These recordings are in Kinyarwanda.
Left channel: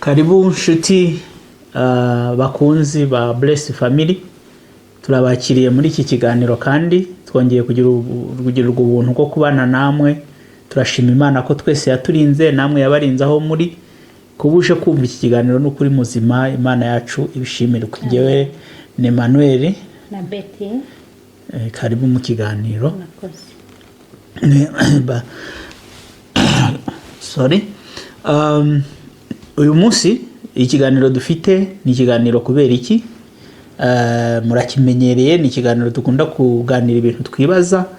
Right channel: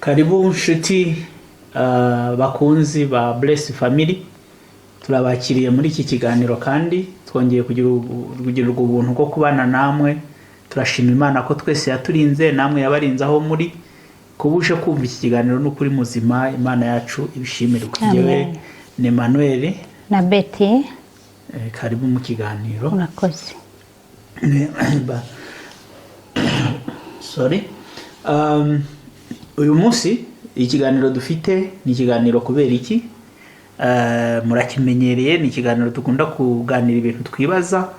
Karibu nshuti bakunzi ba Blessed Family, turabakiriye muri iki kiganiro kandi twongeye kugira ubuntu bwo kubana namwe. Turashima Imana ko twese yaturinze, namwe yabarinze aho muri. Kubusha kumva iki kiganiro n'ukuri muzima, Imana yacu ibishimire. Kujewe ni Emmanuel na Betty. Karibu mu kiganiro. Urakoze. Sorry. Uyu munsi ikiganiro dufite ni ikiganiro kubera iki? Murakimenyereye, ni ikiganiro dukunda kuganira ibintu twibaza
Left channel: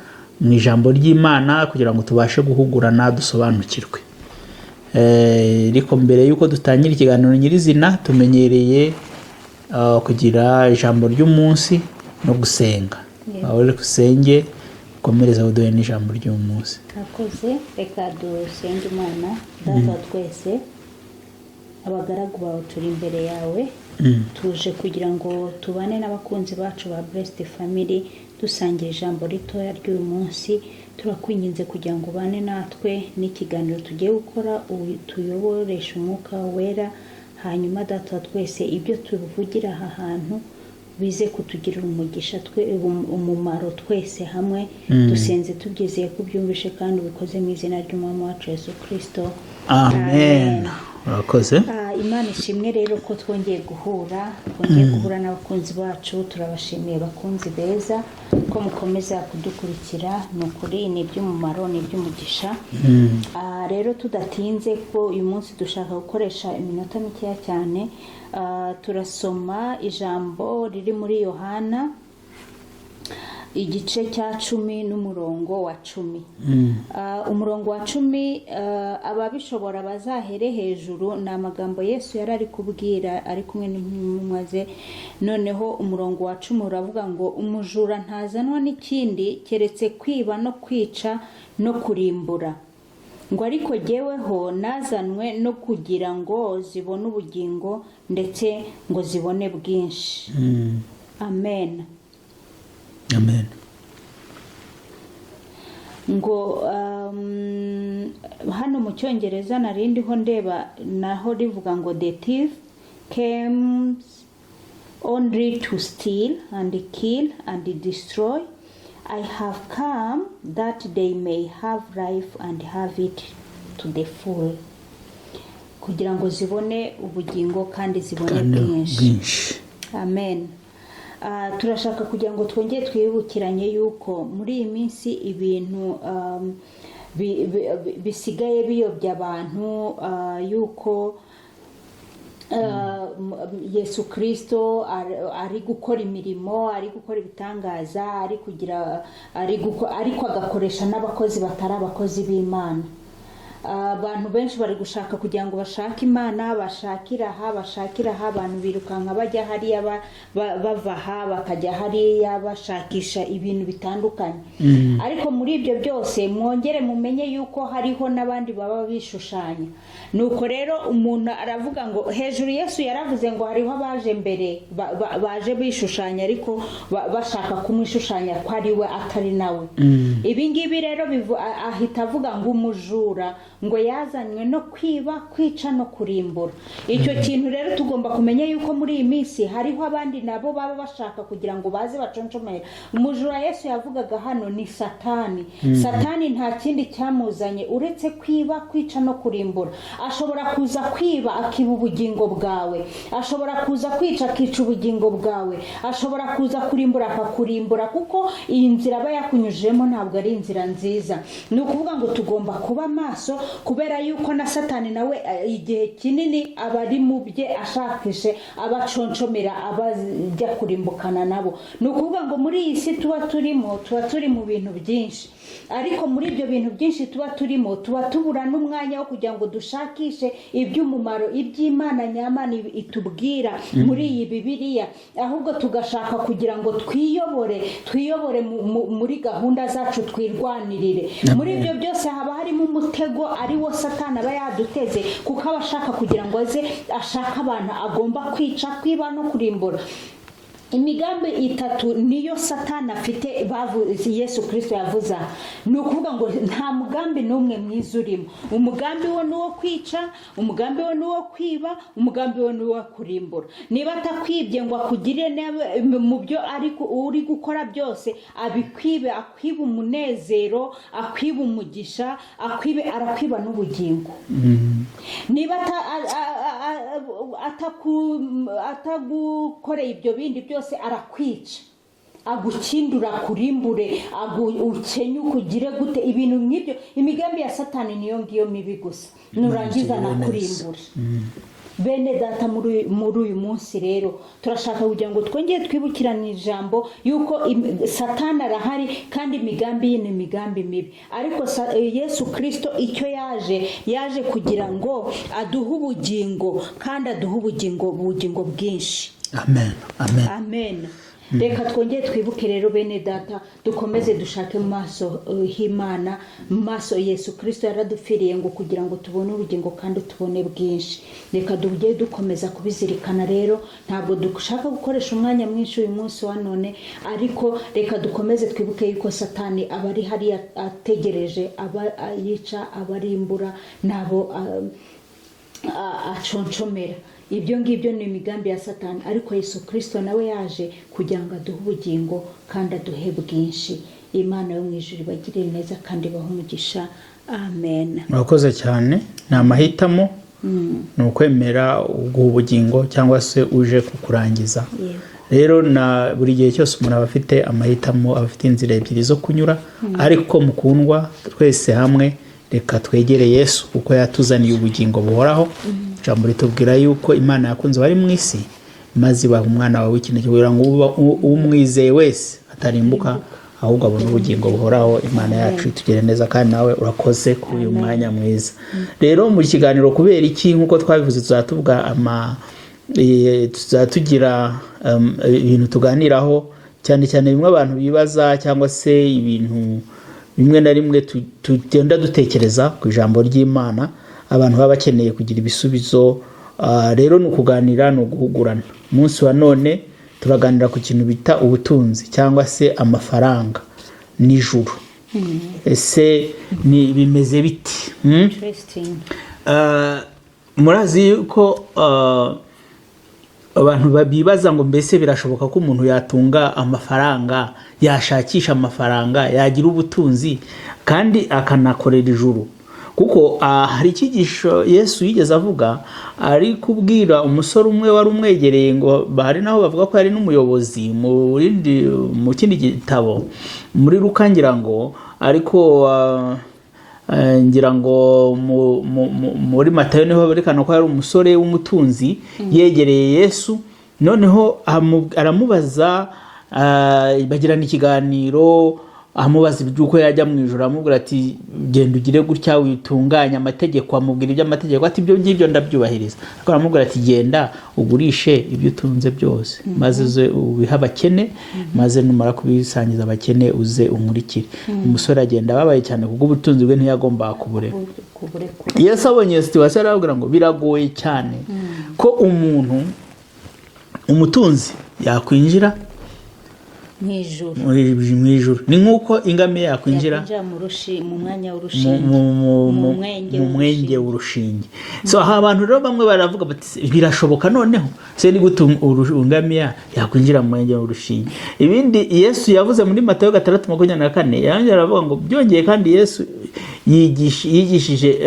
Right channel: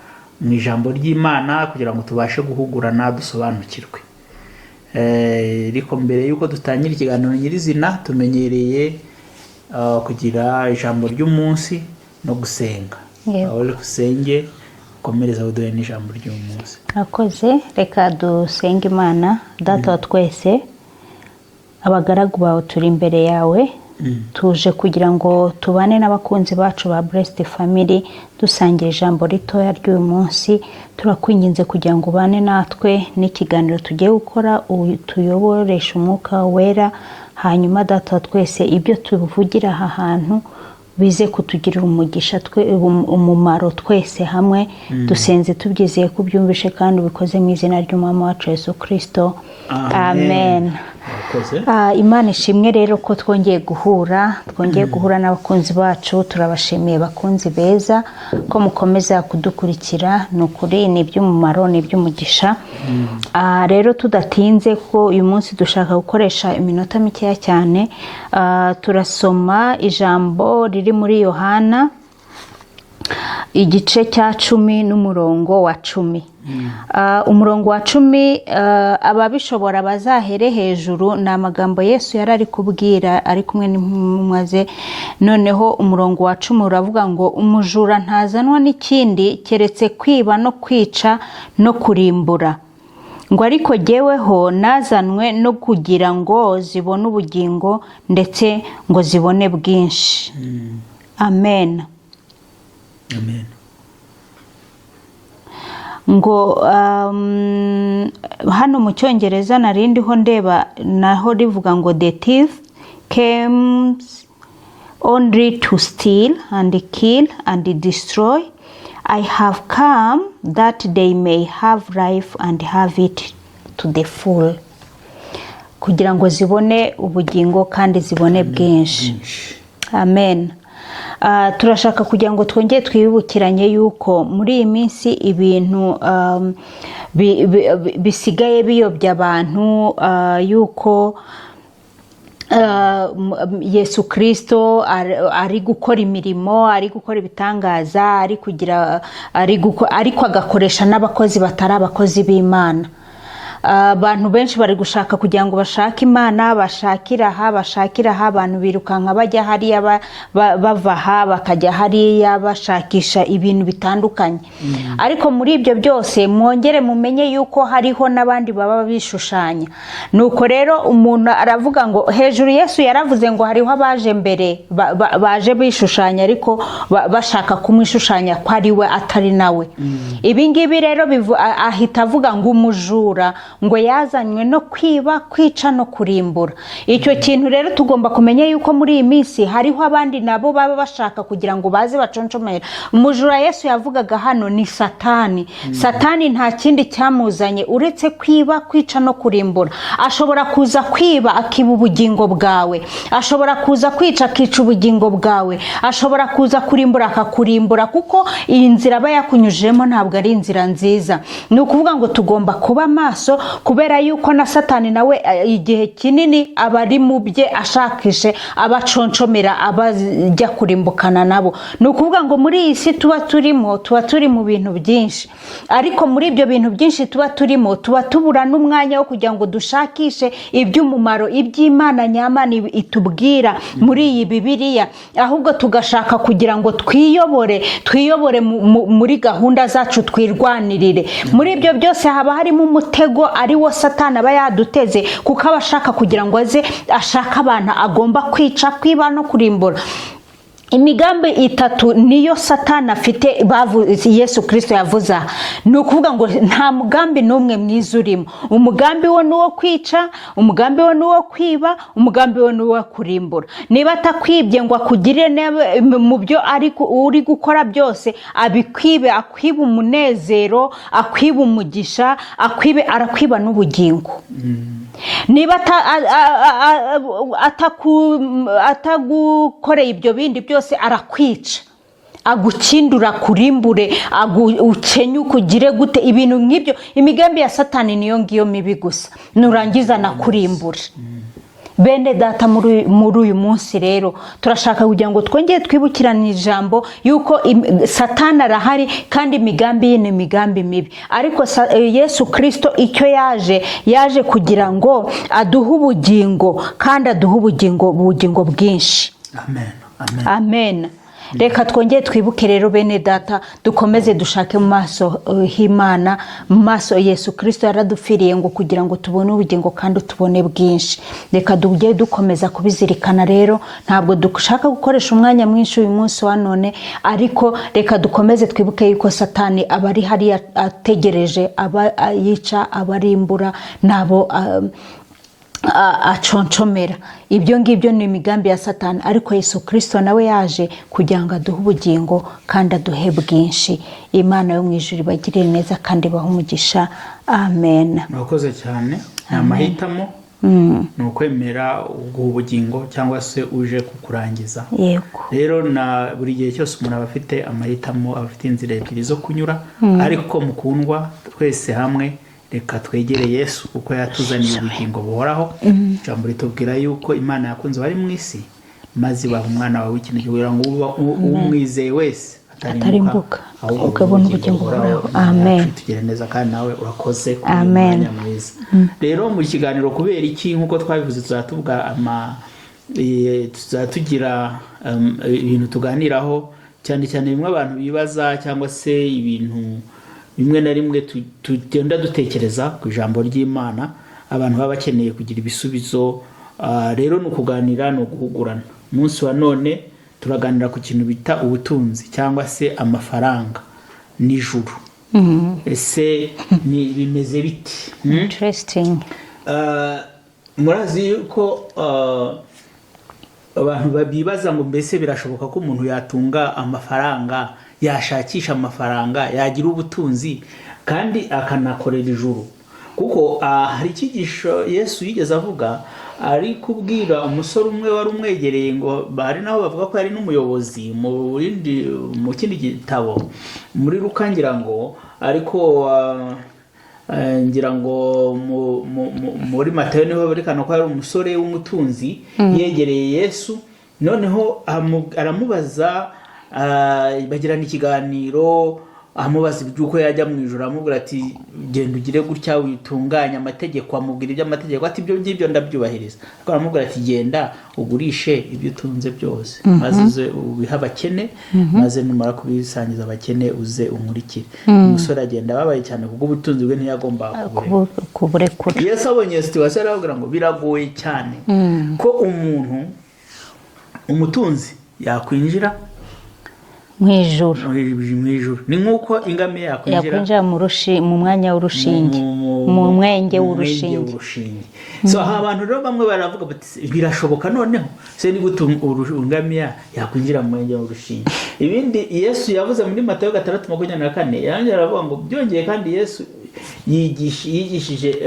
mu ijambo ry'Imana kugira ngo tubashe guhugurana dusobanukirwe. Ariko mbere yuko dutangira ikiganiro nyirizina, tumenyereye kugira ijambo ry'umunsi no gusenga. Aho dusenge komereza uduhe n'ijambo ry'umunsi. Urakoze. Reka dusenge Imana. Data wa twese, abagaragu bawe turi imbere yawe, tuje kugira ngo tubane n'abakunzi bacu ba Blessed Family dusangira ijambo ritoya ry'uyu munsi. Turakwinginze kugira ngo ubane natwe n'ikiganiro tugiye gukora, tuyoboresha umwuka wera. Hanyuma Data wa twese, ibyo tuvugira aha hantu bize kutugirira umugisha, umumaro twese hamwe. Dusenze tubyizeye ko byumvishe kandi ubikoze mu izina ry'Umwami wacu Yesu Kristo. Amen. Imana ishimwe rero ko twongeye guhura n'abakunzi bacu. Turabashimiye bakunzi beza ko mukomeza kudukurikira. Nukuri ni iby'umumaro, ni iby'umugisha. Rero tudatinze ko uyu munsi dushaka gukoresha iminota mikeya cyane, turasoma ijambo riri muri Yohana igice cya 10 n'umurongo wa 10. Umurongo wa 10, ababishobora bazahere hejuru. Ni amagambo Yesu yari ari kubwira ari kumwe n'intumwa ze. Noneho umurongo wa 10 uravuga ngo umujura ntazanwa n'ikindi keretse kwiba no kwica no kurimbura, ngo ariko jyeweho nazanwe no kugira ngo zibone ubugingo ndetse ngo zibone bwinshi. Amen. Amen. Ngo hano mu Cyongereza narindiho ndeba naho rivuga ngo the thief comes only to steal and kill and destroy. I have come that they may have life and have it to the full. Kugira ngo zibone ubugingo kandi zibone bwinshi. Amen. Turashaka kugira ngo twongere twibukiranye yuko muri iyi minsi ibintu bisigaye biyobya abantu, yuko Yesu Kristo ari gukora imirimo, ari gukora ibitangaza, ariko agakoresha n'abakozi batari abakozi b'Imana. Abantu benshi bari gushaka kugira ngo bashake Imana, bashakira aha. Abantu birukanka bajya hariya bava aha bakajya hariya bashakisha ibintu bitandukanye. Ariko muri ibyo byose mwongere mumenye yuko hariho n'abandi baba bishushanya. Nuko rero umuntu aravuga ngo hejuru Yesu yaravuze ngo hariho abaje mbere baje bishushanya ariko bashaka kumwishushanya ko ari we atari nawe. Ibi ngibi rero ahita avuga ngo umujura ngo yazanywe no kwiba, kwica no kurimbura. Icyo kintu rero tugomba kumenya yuko muri iyi minsi hariho abandi nabo baba bashaka kugira ngo baze baconshomera. Umujura Yesu yavugaga hano ni Satani. Satani nta kindi cyamuzanye uretse kwiba, kwica no kurimbura. Ashobora kuza kwiba akiba ubugingo bwawe, ashobora kuza kwica akica ubugingo bwawe, ashobora kuza kurimbura akakurimbura, kuko iyi nzira aba yakunyujemo ntabwo ari inzira nziza. Ni ukuvuga ngo tugomba kuba maso, kubera yuko na Satani nawe igihe kinini abari mu bye ashakishe abaconshomera, abajya kurimbukana nabo. Ni ukuvuga ngo muri iyi si tuba turi mu bintu byinshi, ariko muri ibyo bintu byinshi tuba turimo tuba tubura n'umwanya wo kugira ngo dushakishe iby'umumaro, iby'Imana nyamana itubwira muri iyi Bibiliya. Ahubwo tugashaka kugira ngo twiyobore muri gahunda zacu, twirwanirire. Muri ibyo byose haba harimo umutego ari wo Satani aba yaduteze, kuko abashaka kugira ngo aze ashaka abantu agomba kwica, kwiba no kurimbura. imigambi itatu niyo Satani afite Yesu Kristo yavuze. Ni ukuvuga ngo nta mugambi n'umwe mwiza urimo. Umugambi wo ni uwo kwica, umugambi wo ni uwo kwiba, umugambi wo ni uwo kurimbura. Niba atakwibye ngo akugirire mu byo uri gukora byose, abikwibe, akwiba umunezero, akwiba umugisha, arakwiba n'ubugingo. Niba atagukoreye ibyo bindi byose arakwica, agukindura, kurimbure, ukenye, ukugire gute, ibintu nk'ibyo. Imigambi ya Satani niyo ngiyo mibi gusa, nurangiza nakurimbure. Bene data, muri uyu munsi rero turashaka kugira ngo twongere twibukirane ijambo yuko Satani arahari kandi imigambi ye ni imigambi mibi, ariko Yesu Kristo icyo yaje kugira ngo aduhe ubugingo, kandi aduhe ubugingo bwinshi. Amen. Amen. Amen. Reka twongere twibuke rero bene data, dukomeze dushake mu maso h'Imana, mu maso Yesu Kristo yaradupfiriye ngo kugira ngo tubone ubugingo kandi tubone bwinshi. Reka tujye dukomeza kubizirikana rero. Ntabwo dushaka gukoresha umwanya mwinshi uyu munsi wa none, ariko reka dukomeze twibuke yuko Satani aba ari hariya ategereje yica, abarimbura, nabo aconshomera. Ibyo ngibyo ni imigambi ya Satani, ariko Yesu Kristo nawe yaje kugira ngo aduhe ubugingo kandi aduhe bwinshi. Imana yo mu ijuru ibagirire neza kandi ibahe umugisha. Amen. Murakoze cyane. Ni amahitamo, ni ukwemera ubugingo cyangwa se uje kukurangiza. Yego. Rero na buri gihe cyose umuntu aba afite amahitamo, aba afite inzira ebyiri zo kunyura, ariko mukundwa twese hamwe reka twegere Yesu kuko yatuzaniye ubugingo buhoraho. Ijambo ritubwira yuko Imana yakunze bari mu isi maze ibaha umwana wawe w'ikinege kugira ngo umwizeye wese atarimbuka ahubwo ubugingo buhoraho. Imana yacu itugire neza kandi nawe urakoze kuri uyu mwanya mwiza. Rero mu kiganiro kubera iki nk'uko twabivuze tuzatugira ibintu tuganiraho cyane cyane bimwe abantu bibaza cyangwa se ibintu bimwe na rimwe tugenda dutekereza ku ijambo ry'Imana, abantu baba bakeneye kugira ibisubizo. Rero ni ukuganira, ni uguhugurana. Umunsi wa none turaganira ku kintu bita ubutunzi cyangwa se amafaranga n'ijuru. Ese bimeze biti? Interesting. Murazi ko abantu babibaza ngo mbese birashoboka ko umuntu yatunga amafaranga, yashakisha amafaranga, yagira ubutunzi kandi akanakorera ijuru? Kuko hari icyigisho Yesu yigeze avuga, ari kubwira umusore umwe wari umwegereye, ngo bari naho bavuga ko yari n'umuyobozi mu kindi gitabo muri Luka ngira ngo, ariko ngira ngo muri Matayo niho berekana ko yari umusore w'umutunzi yegereye Yesu. Noneho aramubaza, bagirana ikiganiro, amubaza iby'uko yajya mu ijuru, amubwira ati genda ugire gutya witunganya amategeko, amubwira iby'amategeko, ati ibyo ngibyo ndabyubahiriza. Ariko aramubwira ati genda ugurishe ibyo utunze byose maze uze ubihe abakene, maze numara kubisangiza abakene uze unkurikire. Umusore agenda ababaye cyane kuko ubutunzi bwe ntiyagomba kuburekura. Yesu abonye iyo situation arabwira ngo biragoye cyane ko umutunzi yakwinjira mwijuru. Ni nkuko ingamiya yakwinjira mu mwanya w'urushinge, mu mwenge w'urushinge. So aha abantu rero bamwe baravuga bati birashoboka noneho se ni gute ingamiya yakwinjira mu mwenge w'urushinge? Ibindi Yesu yavuze muri Matayo 6:24 yanjye aravuga ngo byongeye kandi Yesu yigishije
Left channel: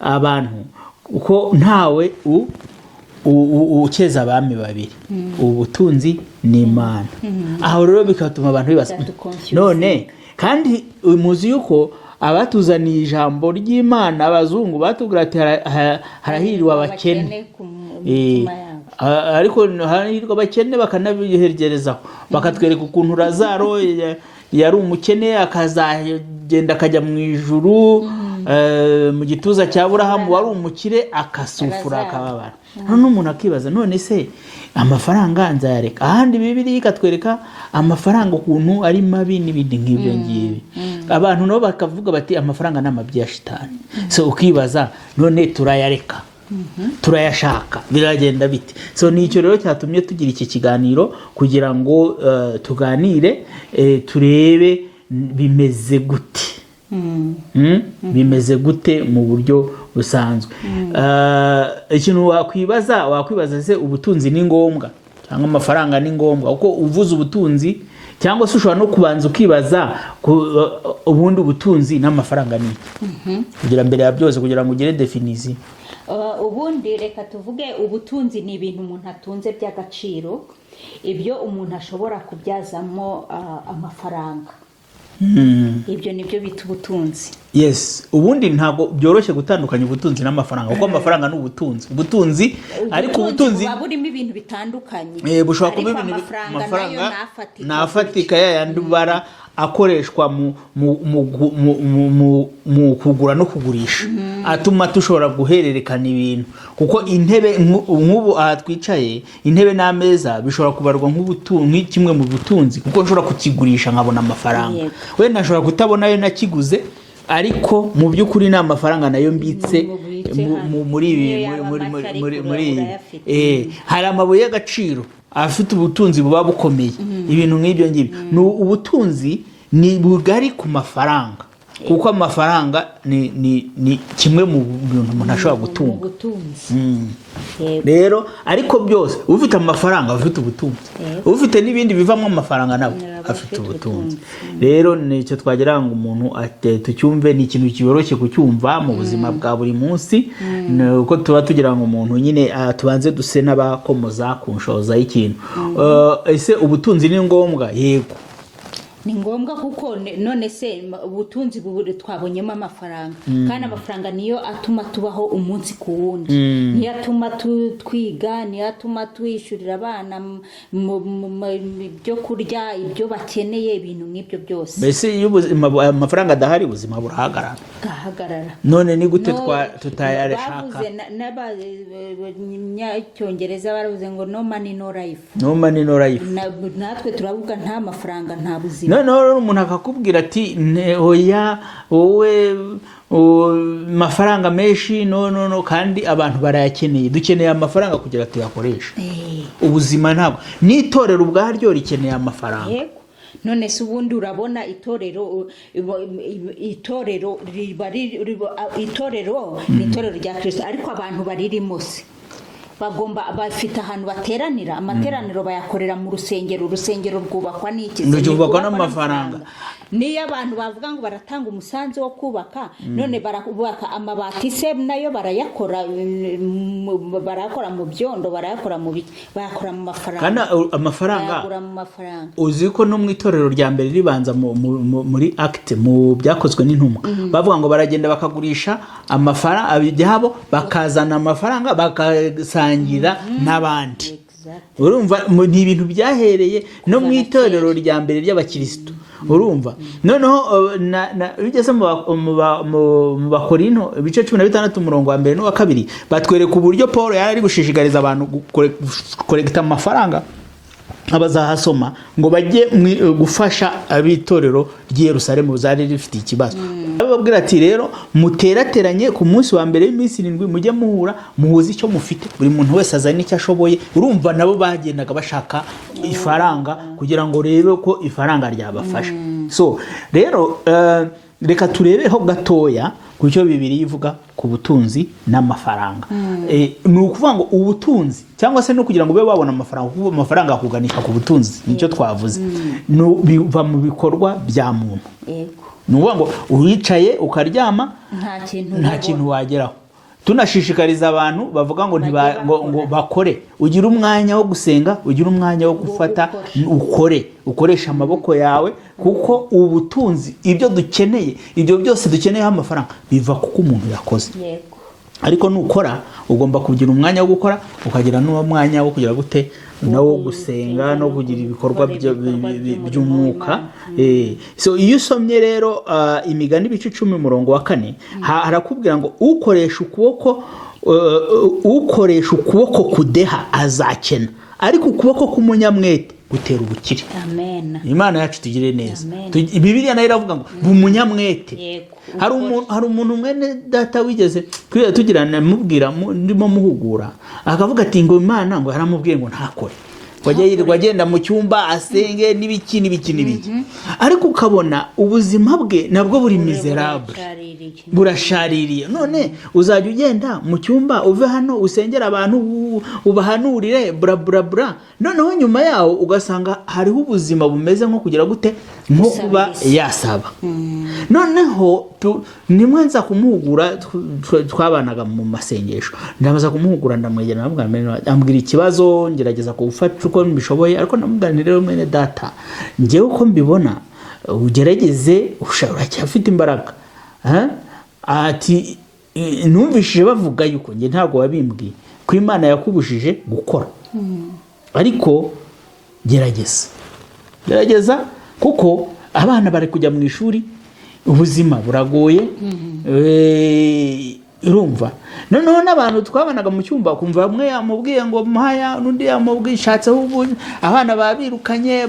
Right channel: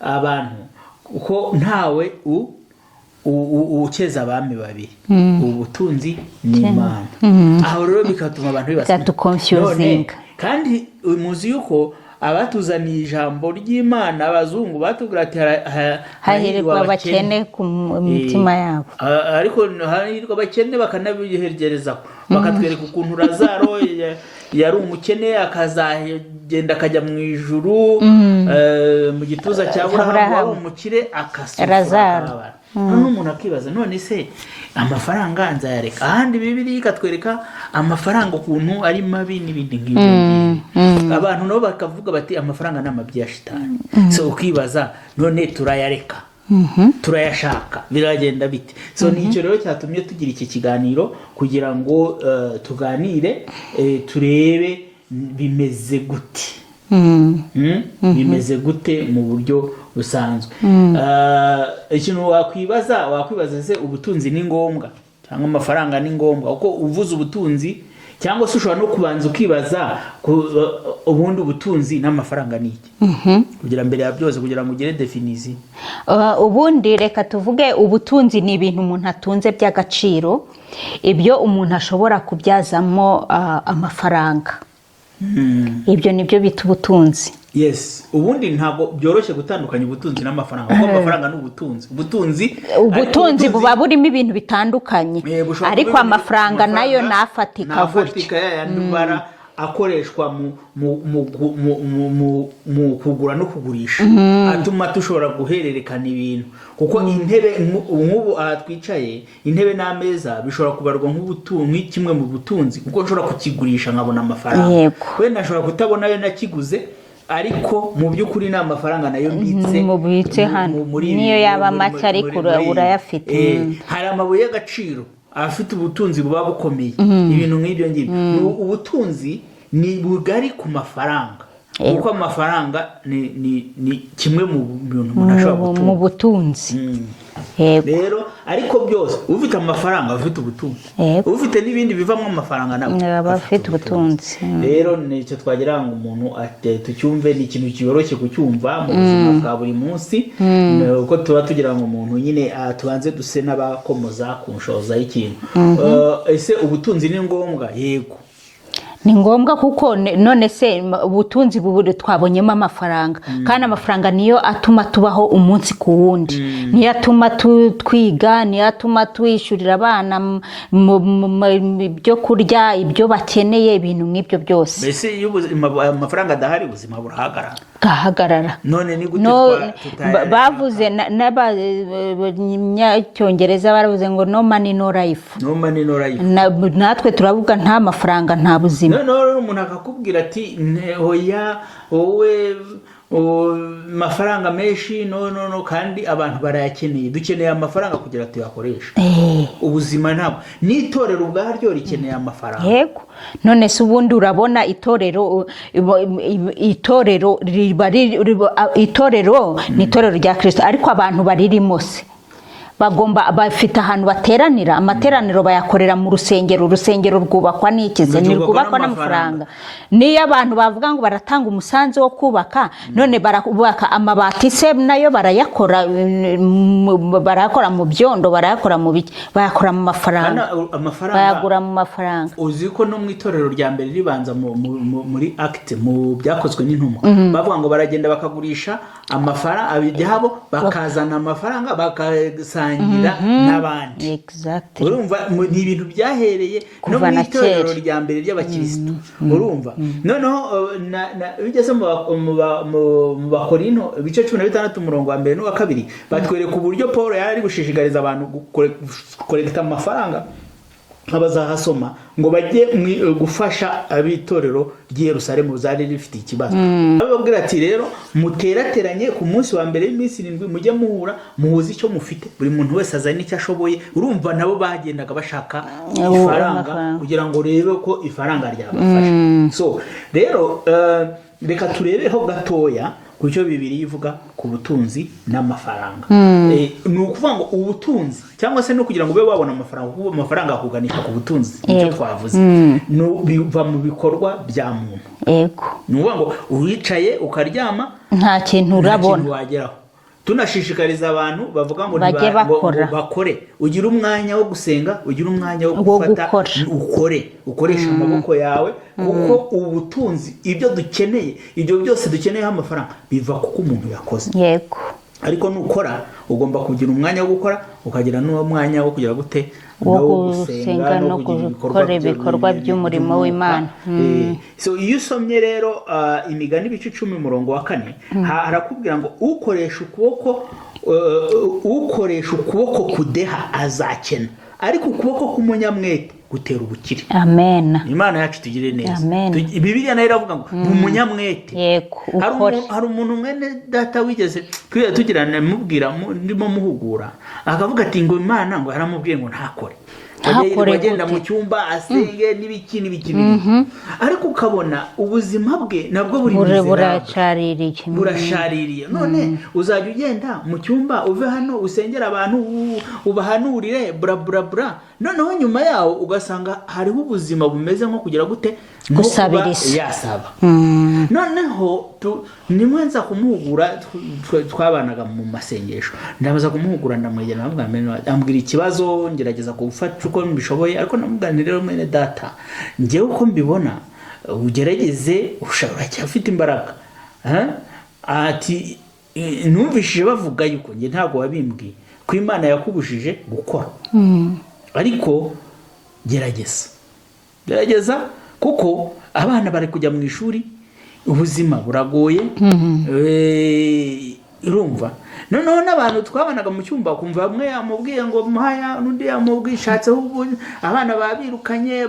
abantu uko ntawe ukeza abami babiri, ubutunzi n'Imana. Aho rero bikatuma abantu bibaza none kandi muzi yuko abatuzaniye ijambo ry'Imana abazungu batubwira ati hahirwa abakene ku mitima yabo, ariko hahirwa abakene bakanabiherezaho, bakatwereka ukuntu Lazaro yari umukene akazagenda akajya mu ijuru, mu gituza cya Aburahamu wari umukire akasufura akababara. None umuntu akibaza none se amafaranga nzayareka? Ahandi Bibiliya ikatwereka amafaranga ukuntu ari mabi n'ibindi nk'ibyo ngibi. Abantu nabo bakavuga bati amafaranga n'amabyi ya shitani. So ukibaza none turayareka turayashaka biragenda bite. So nicyo rero cyatumye tugira iki kiganiro kugira ngo tuganire turebe bimeze gute. Bimeze gute mu buryo busanzwe. Ikintu wakwibaza se ubutunzi ni ngombwa cyangwa amafaranga ni ngombwa? Uko uvuze ubutunzi cyangwa se ushobora no kubanza ukibaza ubundi ubutunzi n'amafaranga ni kugira mbere ya byose kugira ngo ugire definition. Ubundi reka tuvuge ubutunzi ni ibintu umuntu atunze by'agaciro, ibyo umuntu ashobora kubyazamo amafaranga. Ibyo nibyo bita ubutunzi. Yes, ubundi ntabwo byoroshye gutandukanya ubutunzi n'amafaranga kuko amafaranga n'ubutunzi. Ubutunzi buba burimo ibintu bitandukanye, ariko amafaranga nayo nafatika yandi bara akoreshwa mu kugura no kugurisha, atuma tushobora guhererekana ibintu. Kuko intebe nk'ubu twicaye, intebe n'ameza bishobora kubarwa nk'ubutunzi, kimwe mu butunzi, kuko nshobora kukigurisha nkabona amafaranga. We nashobora kutabona yo nakiguze, ariko mu by'ukuri ni amafaranga nayo mbitse muri niyo yaba make ariko urayafite. Hari amabuye y'agaciro afite ubutunzi buba bukomeye, ibintu nk'ibyo ngibyo. Ubutunzi ni bugari ku mafaranga, kuko amafaranga ni kimwe mu bintu umuntu ashobora gutunga mu butunzi. Rero ariko byose ufite amafaranga ufite ubutunzi, ufite n'ibindi bivamo amafaranga nabo afite ubutunzi. Rero nicyo twagira ngo umuntu tucyumve, ni ikintu cyoroshye kucyumva mu buzima bwa buri munsi. Uko tuba tugira ngo umuntu nyine tubanze duse n'abakomoza ku nshoza y'ikintu. Ese ubutunzi ni ngombwa? Yego, ni ngombwa, kuko none se ubutunzi buburi twabonyemo amafaranga, kandi amafaranga niyo atuma tubaho umunsi ku wundi, niyo atuma twiga, niyo atuma twishyurira abana ibyo kurya, ibyo bakeneye, ibintu nk'ibyo byose. Mbese iyo amafaranga adahari ubuzima burahagarara. None ni gute tutayareka? Bavuze n'Abanyacyongereza baravuze ngo no money no life. No money no life. Natwe turavuga nta mafaranga nta buzima. Noneho umuntu akakubwira ati hoya wowe mafaranga menshi no kandi abantu barayakeneye, dukeneye amafaranga kugira tuyakoreshe. Ubuzima ntabwo n'itorero ubwaryo rikeneye amafaranga. Yego, none se ubundi urabona itorero ni itorero rya Kristo, ariko abantu baririmo se bafite ahantu bateranira. Amateraniro bayakorera mu rusengero. Urusengero rwubakwa n'ikize, rwubakwa n'amafaranga. Niyo abantu bavuga ngo baratanga umusanzu wo kubaka, none barubaka amabati se nayo barayakora mu byondo, barayakora mu biki, bayakora mu mafaranga, bayagura mu mafaranga. Uzi ko no mu itorero rya mbere ribanza muri Acte mu byakozwe n'intumwa, bavuga ngo baragenda bakagurisha amafaranga abijyabo, bakazana amafaranga bakasangira n'abandi. Urumva ni ibintu byahereye no mu itorero rya mbere ry'abakristo. Urumva noneho bigeze mu Bakorinto ibice 16 umurongo wa 1 n'uwa 2 batwereka uburyo Paul yari gushishikariza abantu gukorekta amafaranga abazahasoma ngo bajye gufasha abitorero ry'i Yerusalemu zari rifite ikibazo. Ababwira ati rero muterateranye ku munsi wa mbere y'iminsi 7 mujye muhura muhuze icyo mufite, buri muntu wese azana icyo ashoboye. Urumva nabo bagendaga bashaka ifaranga kugira ngo rero ko ifaranga ryabafasha. So rero reka turebeho gatoya kucyo Bibiliya ivuga ku butunzi n'amafaranga. Ni ukuvuga ngo ubutunzi cyangwa se no kugira ngo ube babona amafaranga, kuko amafaranga akuganisha ku butunzi, nicyo twavuze. Biva mu bikorwa bya muntu. Yego, ni ukuvuga ngo uwicaye ukaryama nta kintu urabona, wageraho. Tunashishikariza abantu bavuga ngo bakore, ugira umwanya wo gusenga, ugira umwanya wo gufata, ukoresha amaboko yawe, kuko ubutunzi ibyo dukeneye, ibyo byose dukeneye amafaranga biva kuko umuntu yakoze. Yego, ariko nukora ugomba kugira umwanya wo gukora, ukagira n'uwo mwanya wo kugira gute no gusenga no kugira ibikorwa by'umurimo w'Imana. So iyo usomye rero Imigani ibice 10 umurongo wa 4 harakubwira ngo ukoresha ukuboko kudeha azakena, ariko ukuboko k'umunyamwete gutera ubukire. amen. Imana yacu tugire neza. Amen. Bibiliya nayo iravuga ngo umunyamwete. Yego, Hari umuntu mwene data wigeze tugirana mubwira ndimo muhugura akavuga ati ngo Imana ngo yaramubwiye ngo ntakore. Wagenda mu cyumba asenge n'ibiki ariko ukabona ubuzima bwe nabwo buri burashaririye. None uzajya ugenda mu cyumba uve hano usengera abantu ubahanurire bra noneho nyuma yaho ugasanga hariho ubuzima bumeze nko kugira gute nko kuba yasaba. Noneho nimwe nza kumuhugura twabanaga mu masengesho ndabaza kumuhugura ndamwegera ambwira ikibazo ngerageza kufata uko mbishoboye ariko namubwira rero mwene data ngewe uko mbibona ugerageze uracyafite imbaraga. Ati numvishije bavuga yuko nge ntabwo wabimbwiye ko Imana yakubujije gukora ariko gerageza kuko abana bari kujya mu ishuri ubuzima buragoye. Urumva noneho n'abantu twabanaga mu cyumba kumva bamwe yamubwiye ngo mpaya n'undi yamubwiye ishatseho abana babirukanye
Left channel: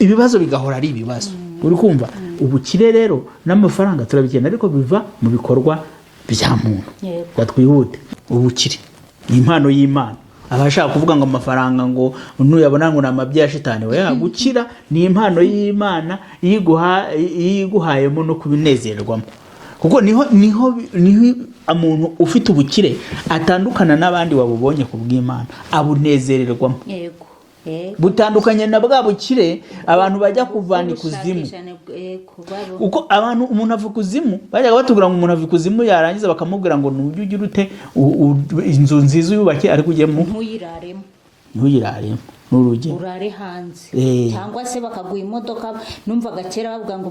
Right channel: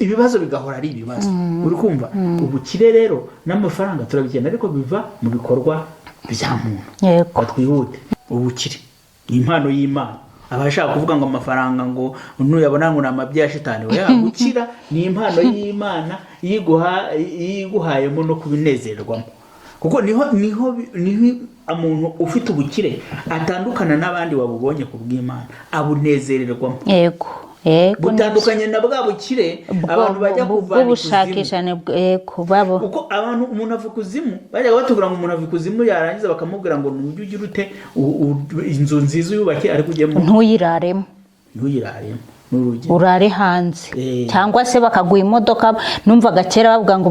ibibazo bigahora ari ibibazo. Uri kumva ubukire rero n'amafaranga turabigenda ariko biva mu bikorwa bya muntu. Twihute ubukire ni impano y'Imana. Abashaka kuvuga ngo amafaranga ngo nuyabona ngo namabya shitani oya gukira ni impano y'Imana yiguhayemo no kubinezerwamo kuko niho umuntu ufite ubukire atandukana n'abandi babubonye ku bw'Imana abunezererwamo. Yego butandukanye na bwa bukire abantu bajya kuvana kuzimu. Uko abantu umuntu avuga kuzimu bajya batubwira ngo umuntu avuga kuzimu yarangiza bakamubwira ngo nujye ugira ute inzu nziza yubake ariko ujyemo ntuyiraremo urare hanze cyangwa se bakaguha imodoka. Numvaga kera bavuga ngo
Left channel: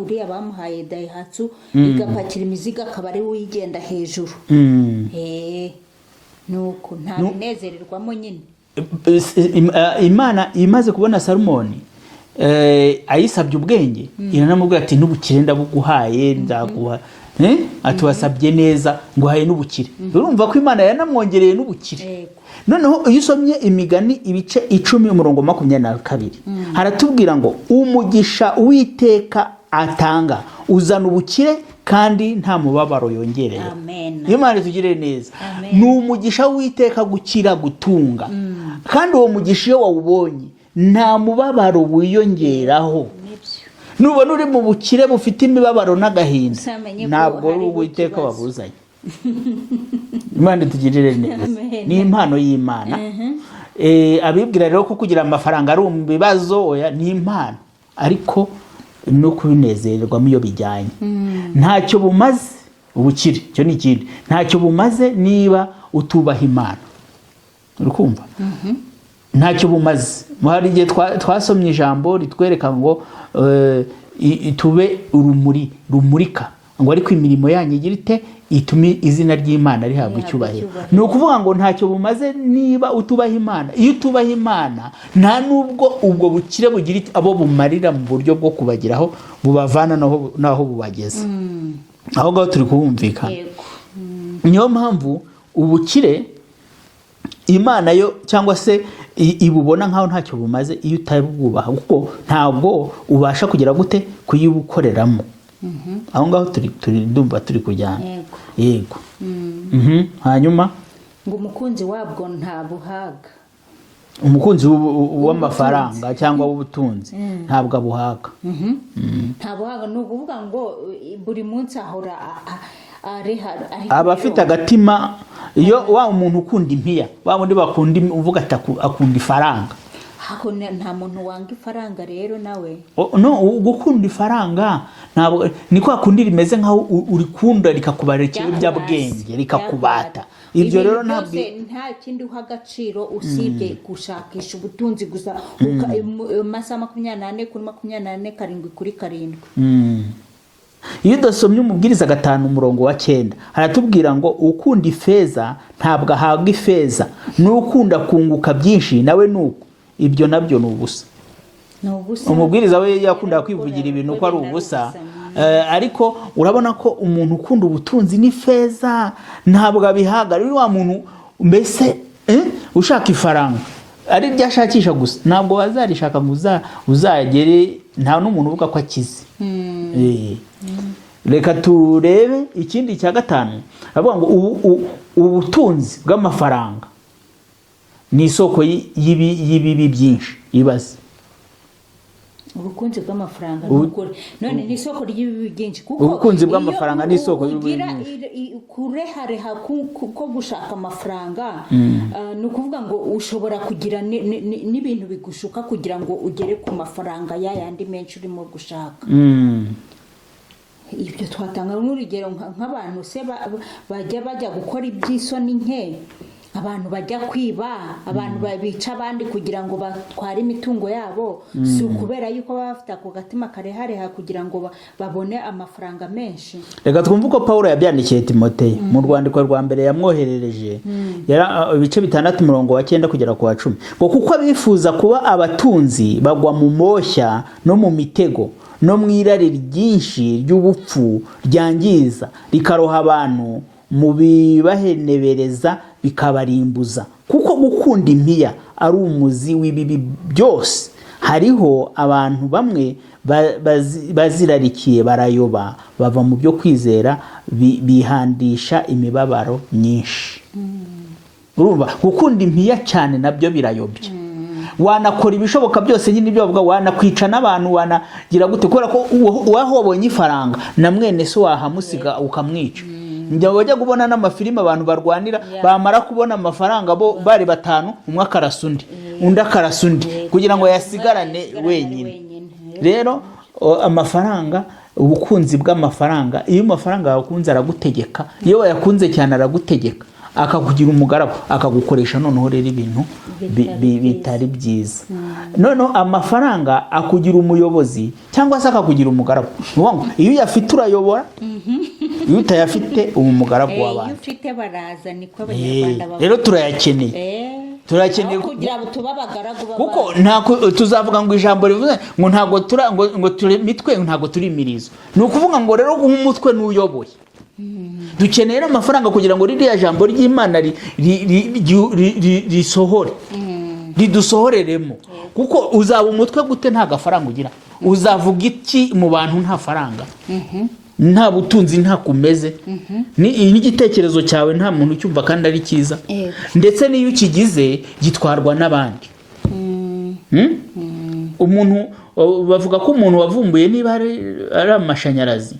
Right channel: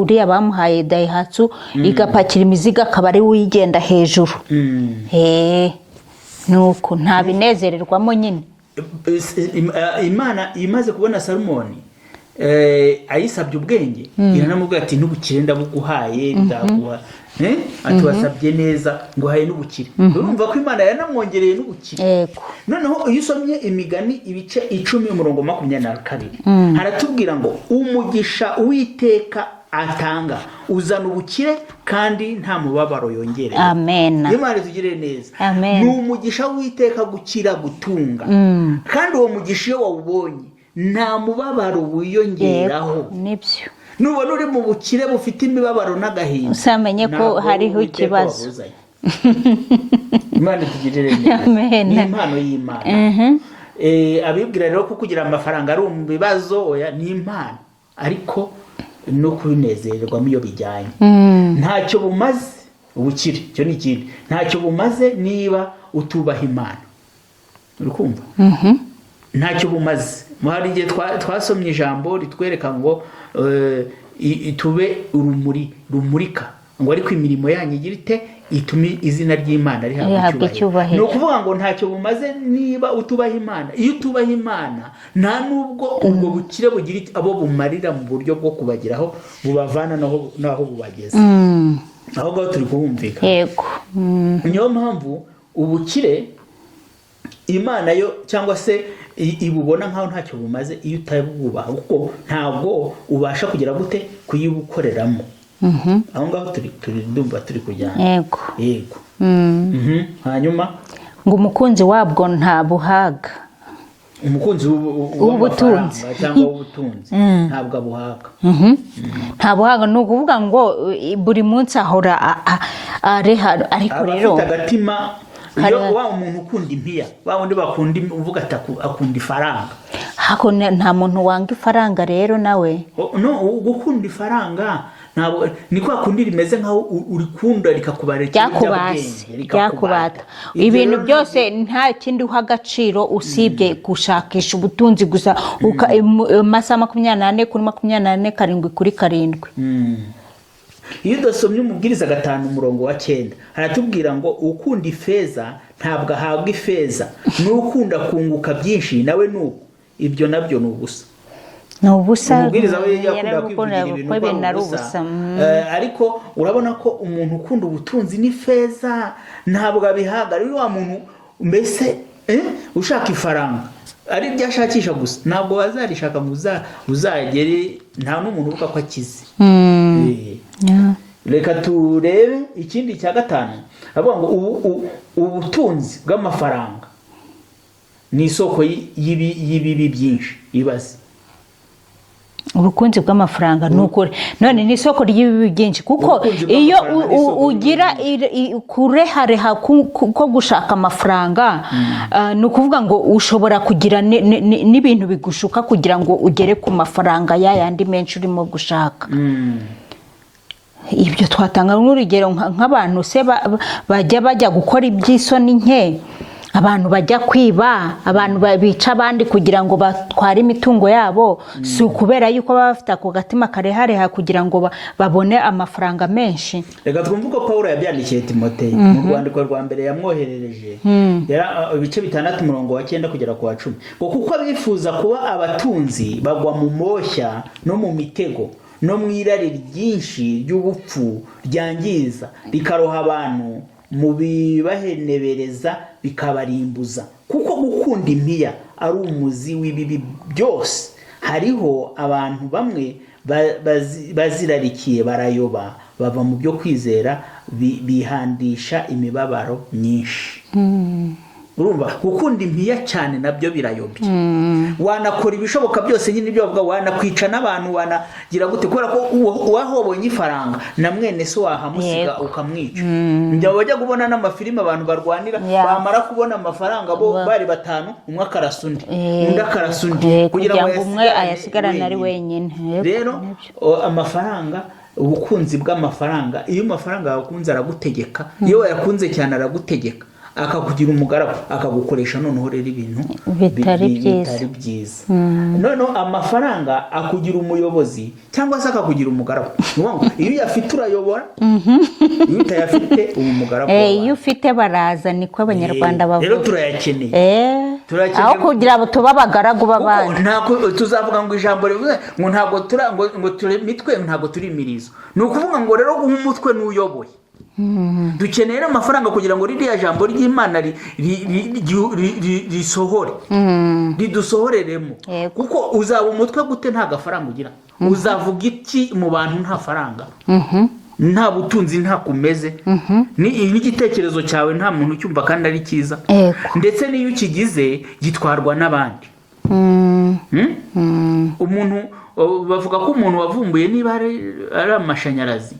uriya bamuhaye Daihatsu igapakira imizigo akaba ari uyigenda hejuru. Nuko nta binezererwamo nyine. Imana imaze kubona Salomoni ayisabye ubwenge iranamubwira ati n'ubukire ndabuguhaye ndaguha ati wasabye neza nguhaye n'ubukire. Urumva ko Imana yanamwongereye n'ubukire. Noneho iyo usomye Imigani ibice 10:22 haratubwira ngo umugisha w'Iteka atanga uzana ubukire kandi nta mubabaro yongereye. Amen. Imana tugire neza. Ni umugisha w'Iteka gukira gutunga kandi uwo mugisha iyo wawubonye nta mubabaro wiyongeraho. Nibyo nubona uri mu bukire bufite imibabaro n'agahinda usamenye ko hariho ikibazo. Imana tugirire neza. Ni impano y'Imana. Abibwira rero ko kugira amafaranga ari mu bibazo oya ni impano ariko no kubinezererwamo iyo bijyanye. Ntacyo bumaze ubukire cyo ni ikindi ntacyo bumaze niba utubaha Imana. Urukumva ntacyo bumaze. Hari igihe twasomye ijambo ritwereka ngo tube urumuri rumurika ngo ariko imirimo yanyu igira ite itume izina ry'Imana rihabwa icyubahiro. Ni ukuvuga ngo ntacyo bumaze niba utubaha Imana. Iyo utubaha Imana nta nubwo ubwo bukire bugira abo bumarira mu buryo bwo kubagiraho bubavana naho bubageza. Aho ngaho turi kubumvika. Yego. Niyo mpamvu ubukire Imana yo cyangwa se ibubona nkaho ntacyo bumaze iyo utabwubaha kuko ntabwo ubasha kugira gute kuyibukoreramo. Aho ngaho turi ndumva turi kujyana. Yego. Hanyuma ngo umukunzi wabwo nta buhaga. Umukunzi w'amafaranga cyangwa w'ubutunzi ntabwo abuhaga. Nta buhaga ni ukuvuga ngo buri munsi ahora ariko aba afite agatima. Iyo wa umuntu ukunda impiya wa wundi bakunda uvuga akunda ifaranga. Hako nta muntu wanga ifaranga rero nawe. No gukunda ifaranga ntabwo niko akundira imeze nkaho urikunda rikakubarira ibyabwenge rikakubata. Ibintu byose nta kindi uha agaciro usibye gushakisha ubutunzi gusa amasaha 24 kuri 24 karindwi kuri karindwi. Iyo dusomye umubwiriza 5:9 haratubwira ngo ukunda ifeza ntabwo ahabwa ifeza n'ukunda kunguka byinshi nawe nuko ibyo nabyo nubusa. Umubwiriza we yakunda kwivugira ibintu ko ari ubusa. Ariko urabona ko umuntu ukunda ubutunzi n'ifeza ntabwo abihaga. Rero wa muntu mbese ushaka ifaranga ari byashakisha gusa ntabwo wazarishaka ngo uzagere nta n'umuntu uvuga ko akize. Reka turebe ikindi cya gatanu avuga ngo ubutunzi bw'amafaranga ni isoko y'ibibi byinshi. Ibaze ubukunzi bw'amafaranga n'ukuri none ni isoko ry'ibibi byinshi kuko iyo ugira kurehareha ko gushaka amafaranga ni ukuvuga ngo ushobora kugira n'ibintu bigushuka kugira ngo ugere ku mafaranga yandi menshi urimo gushaka. Ibyo twatanga nk'urugero nk'abantu se bajya gukora iby'isoni nke, abantu bajya kwiba, abantu bica abandi kugira ngo batware imitungo yabo, si ukubera yuko baba bafite ako gatima karehareha kugira ngo babone amafaranga menshi. Reka twumve uko Pawulo yabyandikiye Timoteyo mu rwandiko rwa mbere yamwoherereje, ibice 6:9 kugera ku 10, ngo kuko bifuza kuba abatunzi bagwa mu moshya no mu mitego no mu irari ryinshi ry'ubupfu ryangiza rikaroha abantu mu bibahenebereza bikabarimbuza, kuko gukunda impiya ari umuzi w'ibibi byose. Hariho abantu bamwe bazirarikiye barayoba, bava mu byo kwizera bihandisha imibabaro myinshi. Urumva gukunda impiya cyane nabyo birayobye. Wanakora ibishoboka byose nyine ibyo bavuga, wanakwica n'abantu, wanagira gute, kubera ko wahobonye ifaranga na mwene se wahamusiga ukamwica. Njya bajya kubona n'amafilime abantu barwanira, bamara kubona amafaranga bo bari batanu, umwe akarasa undi, undi akarasa undi, kugira ngo yasigarane ari wenyine. Rero amafaranga, ubukunzi bw'amafaranga, iyo amafaranga yakunze aragutegeka, iyo wayakunze cyane aragutegeka, akakugira umugaragu, akagukoresha noneho rero ibintu bitari byiza. Noneho amafaranga akugira umuyobozi cyangwa se akakugira umugaragu. Iyo uyafite urayobora, iyo utayafite uba umugaragu w'abantu. Iyo ufite baraza, niko abanyarwanda bavuga. Rero turayakeneye. Aho kugira ngo tuba abagaragu b'abandi. Ntako tuzavuga ngo ijambo rivuze ngo ntabwo turi mitwe, ntabwo turi imirizo. Ni ukuvuga ngo rero umutwe n'uyoboye. Dukenera amafaranga kugira ngo ririya jambo ry'Imana risohore, ridusohoreremo. Kuko uzaba umutwe gute nta gafaranga ugira? Uzavuga iki mu bantu nta faranga, nta butunzi, nta kumeze? N'igitekerezo cyawe nta muntu ucyumva kandi ari cyiza, ndetse n'iyo ukigize gitwarwa n'abandi. Umuntu bavuga ko umuntu wavumbuye niba ari amashanyarazi,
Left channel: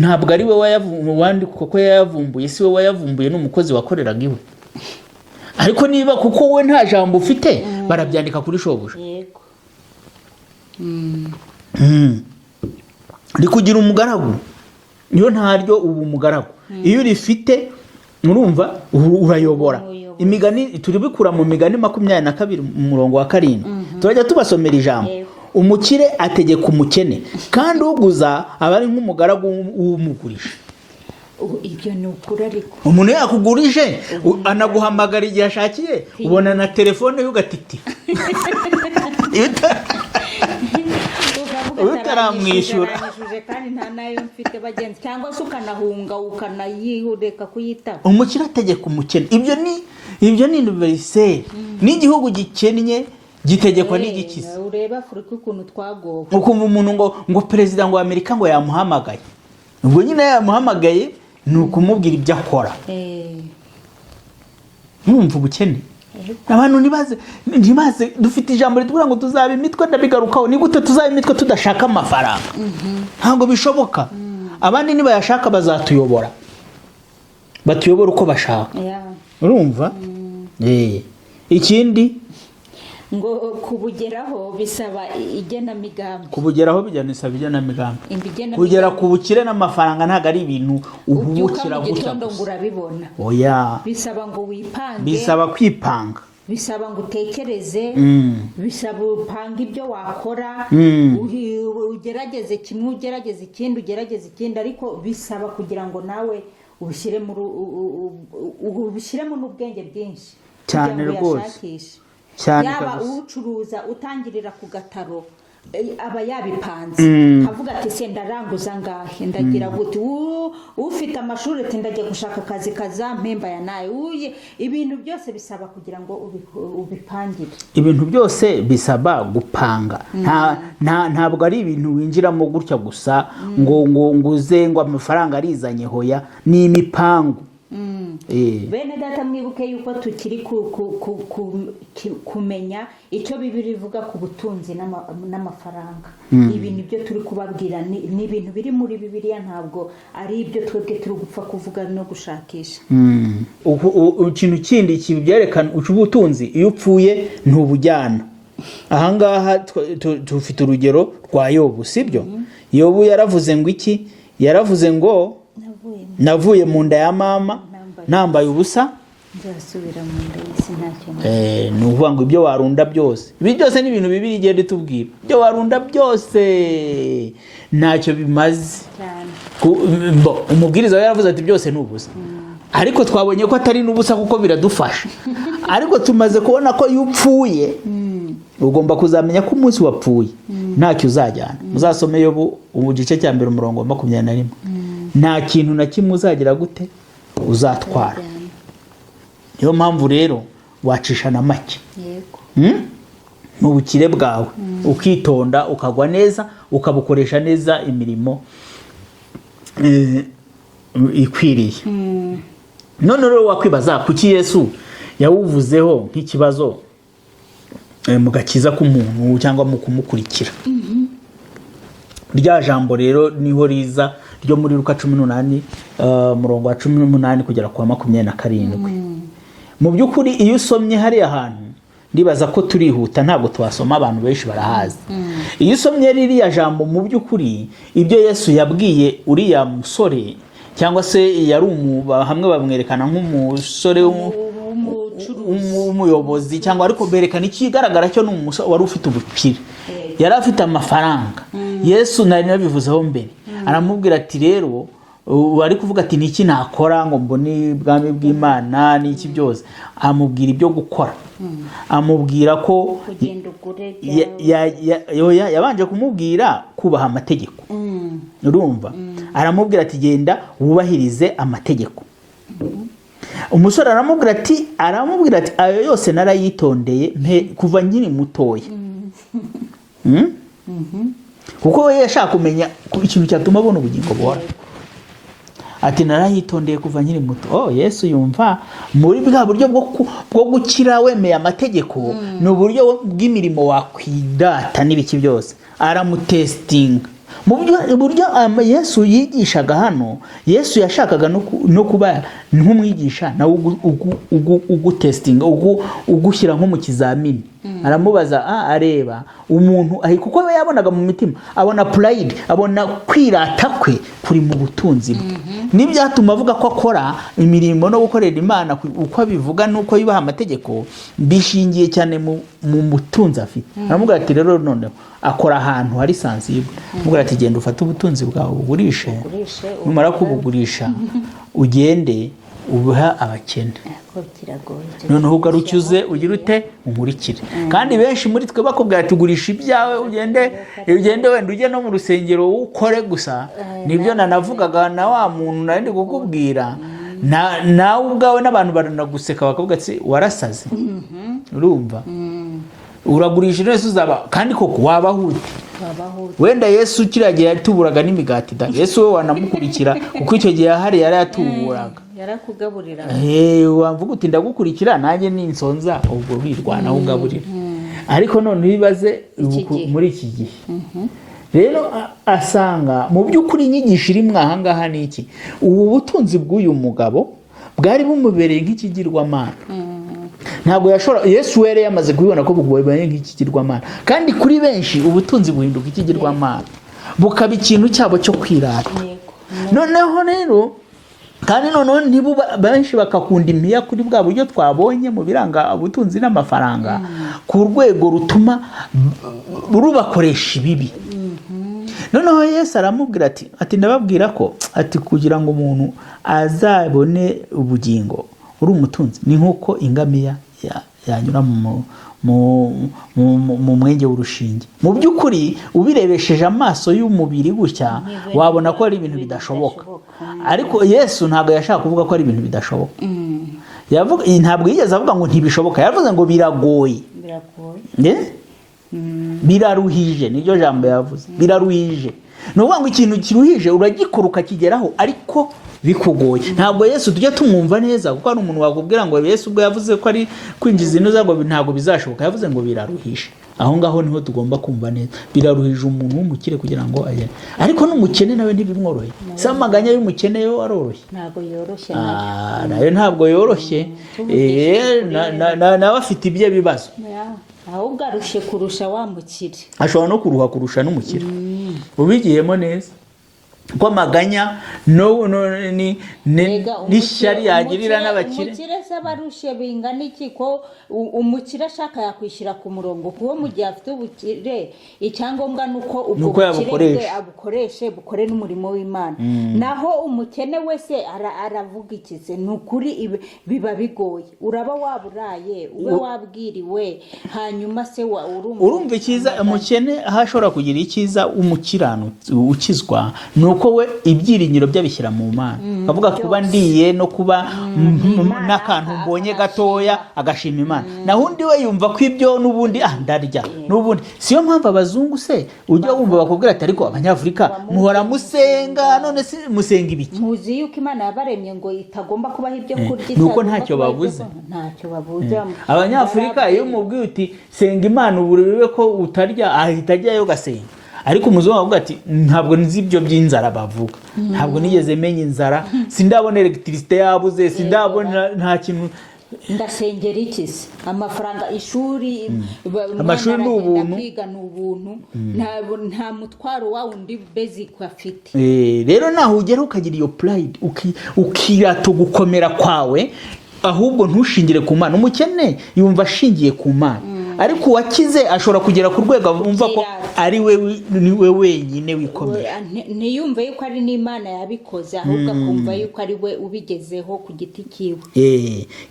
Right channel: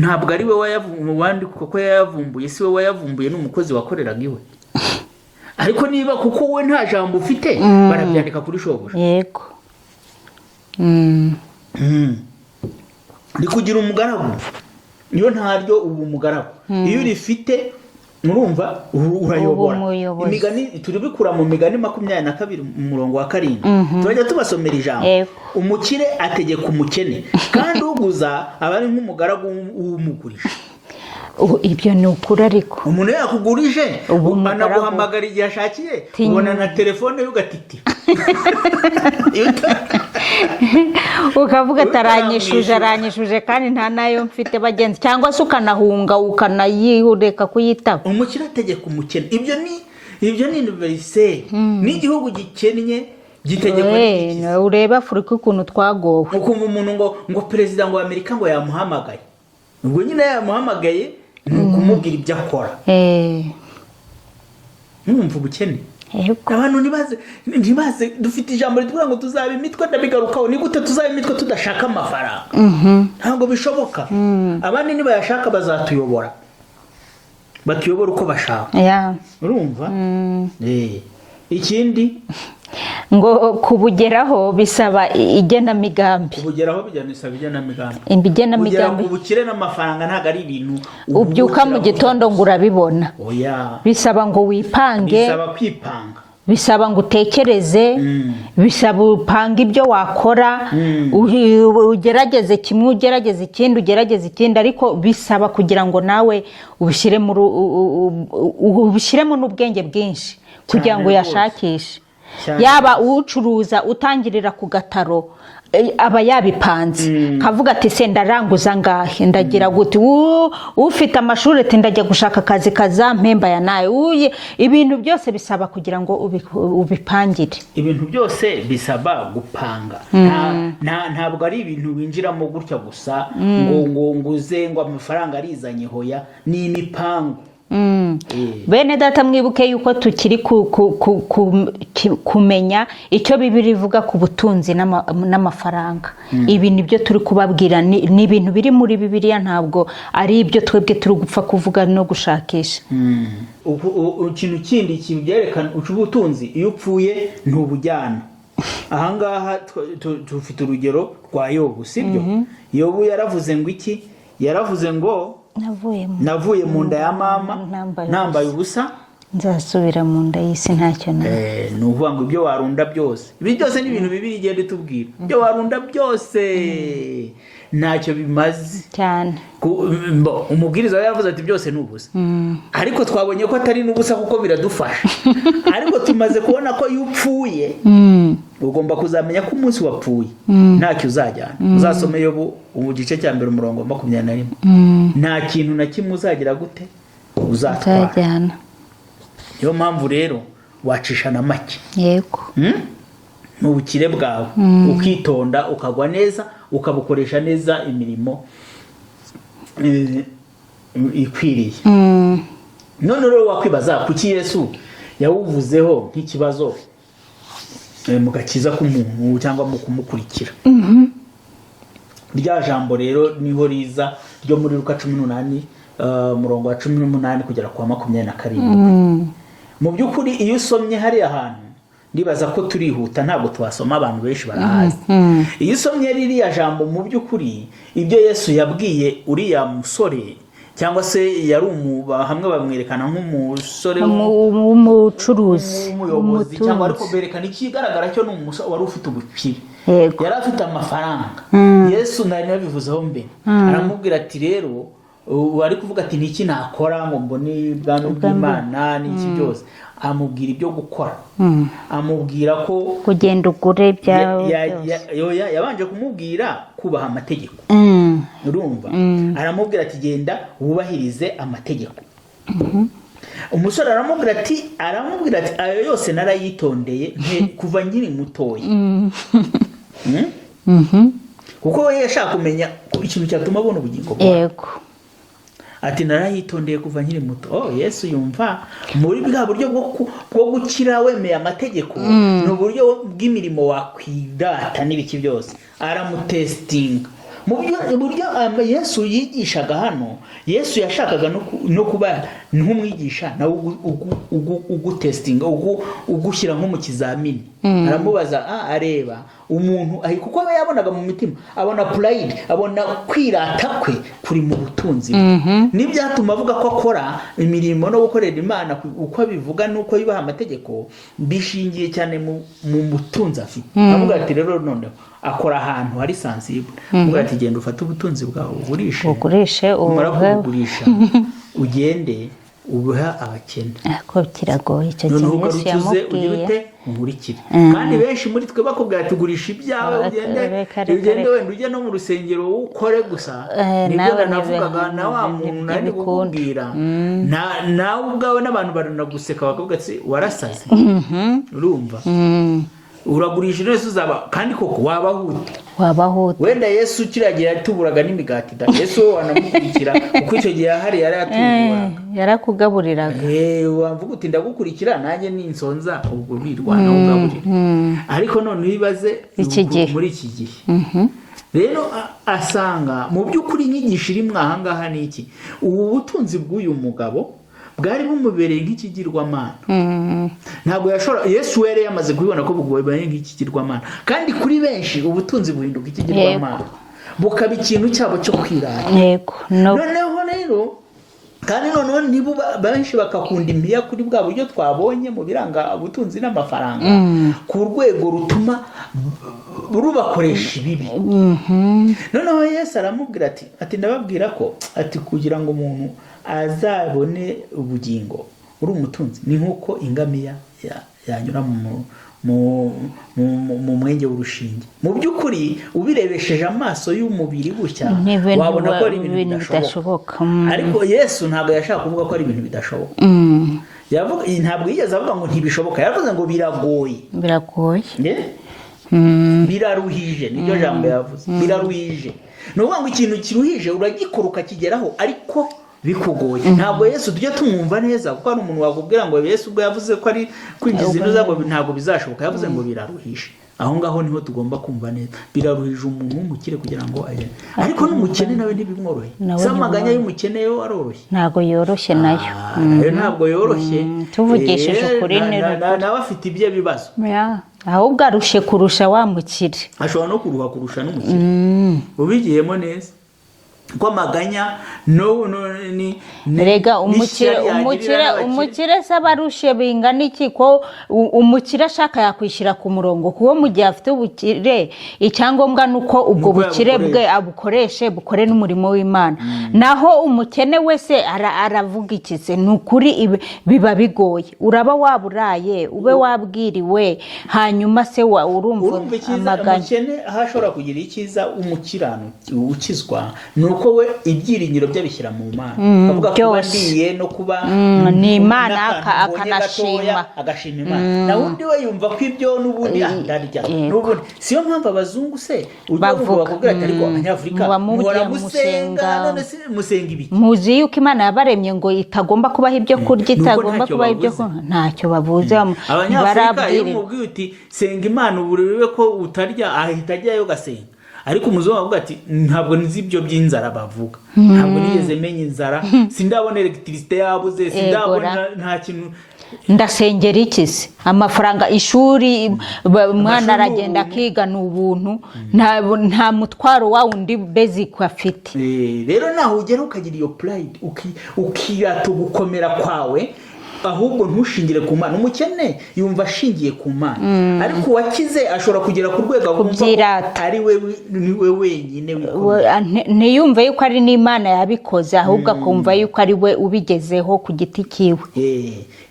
ntabwo ari we wayavumbuye, kuko yayavumbuye si we wayavumbuye, n'umukozi wakoreraga iwe. Ariko niba kuko we nta jambo ufite, barabyandika kuri shobuja. Yego. Rikugira umugaragu, niyo ntaryo ubu umugaragu. Iyo urifite murumva urayobora. Imigani turibikura mu Migani 22:7. Turajya tubasomera ijambo. Umukire ategeka umukene, kandi uguza aba ari nk'umugaragu w'umugurisha. Ibyo ni ukuri. Ariko umuntu yakugurije anaguhamagara igihe ashakiye, ubona na telefone ye ugatiti, ukavuga aranyishuje kandi nta nayo mfite bagenzi, cyangwa se ukanahunga ukanayihureka kuyitaba. Umukire ategeka umukene. Ibyo ni universel. N'igihugu gikennye gitegeko n'igikiza. Ureba Afurika ukuntu twagowe. Ukumva umuntu ngo perezida ngo Amerika ngo yamuhamagaye, ubwo nyine yamuhamagaye ni ukumubwira ibyo akora. Mwumva ubukene. Abantu ntibaze dufite ijambo ritubwira ngo tuzaba imitwe, ndabigarukaho. Ni gute tuzaba imitwe tudashaka amafaranga? Ntabwo bishoboka. Abandi nibayashaka bazatuyobora, batuyobora uko bashaka. Urumva? Ikindi ngo kubugeraho bisaba igenamigambi. Kubugeraho bisaba igenamigambi. Kugera ku bukire n'amafaranga ntabwo ari ibintu ubyuka mu gitondo ngo urabibona. Bisaba ngo wipange, bisaba kwipanga, bisaba ngo utekereze, bisaba upanga ibyo wakora, ugerageze kimwe, ugerageze ikindi, ariko bisaba kugira ngo nawe ubishyiremo n'ubwenge bwinshi kugira ngo uyashakishe. Yaba ucuruza utangirira ku gataro, aba yabipanze kavuga ati se ndaranguza ngahe ndagira gute ufite amashuri ati ndajya gushaka akazi kazampemba ya nayo ibintu byose bisaba kugira ngo ubipangire. Ibintu byose bisaba gupanga. Ntabwo ari ibintu winjiramo gutya gusa ngo nguze ngo amafaranga arizanye hoya, ni imipango. Bene data mwibuke yuko tukiri kumenya icyo Bibiliya ivuga ku butunzi n'amafaranga. Ibi nibyo turi kubabwira, ni ibintu biri muri Bibiliya, ntabwo ari ibyo twebwe turi gupfa kuvuga no gushakisha. Ikintu kindi kibyerekana ubutunzi, iyo upfuye ntubujyana. Ahangaha tufite urugero rwa Yobu, sibyo? Yobu yaravuze ngo iki? Yaravuze ngo navuye mu nda ya mama nambaye ubusa, nzasubira mu nda y'isi ntacyo nawe. Ni ukuvuga ngo ibyo warunda byose, ibi byose ni ibintu bibiri igenda itubwira. Ibyo warunda byose ntacyo bimaze cyane. Umubwiriza yaravuze ati byose ni ubusa, ariko twabonye ko atari n'ubusa kuko biradufasha. Ariko tumaze kubona ko iyo upfuye ugomba kuzamenya ko umunsi wapfuye ntacyo uzajyana. Uzasome Yobu gice cya 2 umurongo wa 21. Nta kintu na kimwe uzagira gute uzatwara. Niyo mpamvu rero wacisha na make. Yego. N'ubukire bwawe ukitonda, ukagwa neza, ukabukoresha neza imirimo ikwiriye. None rero wakwibaza kuki Yesu yawuvuzeho nk'ikibazo mu gakiza k'umuntu cyangwa mu kumukurikira. Rya jambo rero niho riza ryo muri Luka 18 murongo wa 18 kugera kwa 27. Mu by'ukuri iyo usomye hari ahantu ndibaza ko turihuta, ntabwo twasoma, abantu benshi barahazi. Iyo usomye ririya jambo mu by'ukuri ibyo Yesu yabwiye uriya musore, cyangwa se yari hamwe bamwerekana nk'umusore w'umucuruzi, umuyobozi, cyangwa ariko berekana ikigaragara cyo n'umusore wari ufite ubukire, yari afite amafaranga. Yesu nari nabivuzeho mbere, aramubwira ati rero wari kuvuga ati niki nakora ngo mbone ubwami bw'Imana n'iki byose. Amubwira ibyo gukora, amubwira ko kugenda ugure byawe. Yabanje kumubwira kubaha amategeko. Urumva? Aramubwira ati genda wubahirize amategeko. Umusore aramubwira ati ayo yose narayitondeye kuva nkiri mutoya. Kuko we yashaka kumenya ikintu cyatuma abona ubugingo bwawe. Ati narayitondeye kuva nkiri muto. Yesu yumva muri bwa buryo bwo gukira wemeye amategeko, ni uburyo bw'imirimo wakwidata n'ibiki byose. Aramutestinga mu buryo Yesu yigishaga hano. Yesu yashakaga no kuba nk'umwigisha nawe ugutestinga, ugushyira nko mu kizamini. Aramubaza areba umuntu kuko we yabonaga mu mitima, abona pride, abona kwirata kwe kuri mu butunzi. N'ibyatuma avuga ko akora imirimo no gukorera Imana uko abivuga nuko yubaha amategeko bishingiye cyane mu butunzi afite. Avuga ati rero none akora ahantu hari sensible. Avuga ati genda ufate ubutunzi bwawe ugurishe, umara kubugurisha ugende ubuha abakene. Ko kiragoye cyo. Noneho ugarucyuze ugira ute umurikire. Kandi benshi muri twe bakubwira ati gurisha ibyawe ugende wenda ujye no mu rusengero ukore gusa. Nibyo nanavugaga na wa muntu nari kukubwira. Nawe ubwawe n'abantu baranaguseka bakavuga ati warasaze. Urumva? Uragurisha nese uzaba kandi koko wabaho wenda Yesu kiragiye yatuburaga n'imigati da. Yesu wanamukurikira kuko icyo gihe yari atuburaga, yarakugaburira. Wamvuga uti ndagukurikira nanjye ninsonza ubwo birwana ugaburira. Ariko none bibaze muri iki gihe rero asanga mu by'ukuri inyigisho iri mwahangaha niki. Ubu butunzi bw'uyu mugabo bwari bumubereye nk'ikigirwamana. Ntabwo yashora Yesu were yamaze kubibona ko bugwaye nk'ikigirwamana, kandi kuri benshi ubutunzi buhinduka ikigirwamana, bukaba ikintu cyabo cyo kwirata. Noneho rero kandi noneho nibo benshi bakakunda imiya kuri bwa buryo twabonye mu biranga ubutunzi n'amafaranga, ku rwego rutuma rubakoresha ibibi. Noneho Yesu aramubwira ati ndababwira ko kugira ngo umuntu azabone ubugingo uri umutunzi ni nkuko ingamiya yanyura mu mwenge w'urushinge. Mu by'ukuri ubirebesheje amaso y'umubiri gutya wabona ko ari ibintu bidashoboka, ariko Yesu ntabwo yashaka kuvuga ko ari ibintu bidashoboka. Ntabwo yigeze avuga ngo ntibishoboka, yavuze ngo biragoye, biraruhije, niryo jambo yavuze, biraruhije. Ni ukuvuga ngo ikintu kiruhije uragikora ukakigeraho ariko bikugoye. Ntabwo Yesu tujya tumwumva neza, kuko hari umuntu wakubwira ngo Yesu ubwo yavuze ko ari kwinjiza inoza ngo ntabwo bizashoboka, yavuze ngo biraruhije. Aho ngaho niho tugomba kumva neza, biraruhije umuntu w'umukire kugira ngo aye, ariko n'umukene nawe ntibimworoye. Samaganya y'umukene yo aroroshye, ntabwo yoroshye nayo, ntabwo yoroshye. Tuvugishije ukuri nawe afite ibye bibazo, ahubwo arushe kurusha wa mukire, ashobora no kuruha kurusha n'umukire ubigiyemo neza. Ko maganya rega umukire saba arushe bingana iki? Ko umukire ashaka yakwishyira ku murongo, kuko mu gihe afite ubukire icyangombwa nuko ubwo bukire bwe abukoreshe bukore n'umurimo w'Imana. Naho umukene wese aravuga iki se? Ni ukuri biba bigoye, uraba waburaye ube wabwiriwe, hanyuma se urumva icyiza umukene ahashobora kugira icyiza umukirano ukizwa nuko we ibyiringiro byabishyira mu Mana, avuga kuba ndiye no kuba ni Imana akabonye gatoya agashima Imana. Na undi we yumva ko ibyo n'ubundi ndarya n'ubundi. Siyo mpamvu abazungu se ujya wumva bakubwira ati ariko Abanyafurika muhora musenga, none si musenga ibiki? Muzi yuko Imana yabaremye ngo itagomba kubaho ibyo kurya, itagomba kubaho ibyo ntacyo bavuze. Abanyafurika iyo umubwiye uti senga Imana uburebe ko utarya, ahita ajyayo gasenga. Ariko umuzungu avuga ati ntabwo nzi ibyo by'inzara bavuga, ntabwo nigeze menya inzara, sindabona electricité yabuze, sindabona nta kintu. Ndasengera iki se? Amafaranga ishuri mwana aragenda akiga n'ubuntu, nta mutwaro wa undi basic afite. Rero naho ugera ukagira iyo pride ukirata gukomera kwawe, ahubwo ntushingire ku Mana. Umukene yumva ashingiye ku Mana, ariko uwakize ashobora kugera ku rwego abumva ko ari we wenyine wikomeye, ntiyumve yuko ari n'Imana yabikoze, ahubwo akumva yuko ari we ubigezeho ku giti kiwe.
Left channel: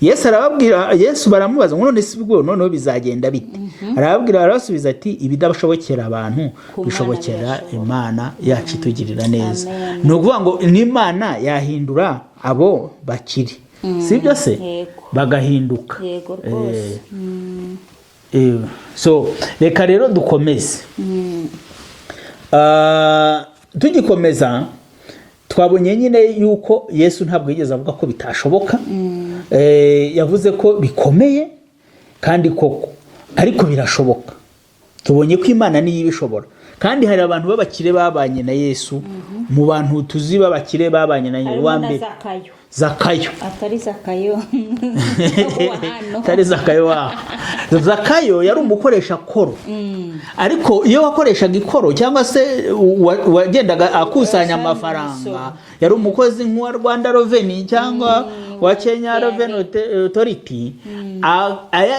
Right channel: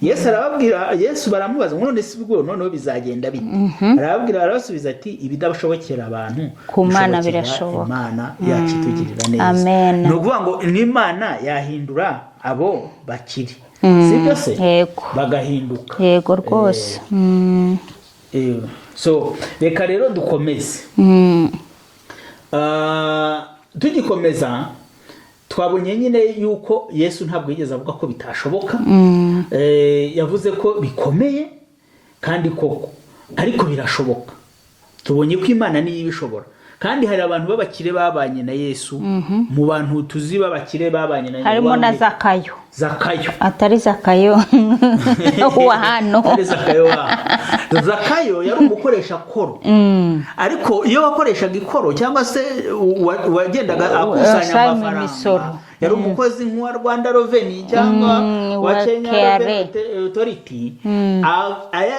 Yesu arababwira, Yesu baramubaza ngo none si bwo noneho bizagenda bite? Arababwira, arabasubiza ati ibidashobokera abantu ku Mana birashoboka. Imana yacu itugirira neza. Ni ukuvuga ngo n'Imana yahindura abo bakiri, sibyo se? Bagahinduka. Yego rwose. So reka rero dukomeze. Tugikomeza twabonye nyine yuko Yesu ntabwo yigeze avuga ko bitashoboka. Yavuze ko bikomeye kandi koko ariko birashoboka. Tubonye ko Imana niyo ibishobora. Kandi hari abantu b'abakire babanye na Yesu, mu bantu tuzi b'abakire babanye na Yesu harimo na Zakayo. Atari Zakayo wa hano. Atari Zakayo wa. Zakayo yari umukoresha koro. Ariko iyo wakoreshaga ikoro cyangwa se wagendaga akusanya amafaranga, yari umukozi nk'uwa Rwanda Revenue cyangwa wa Kenya Revenue Authority,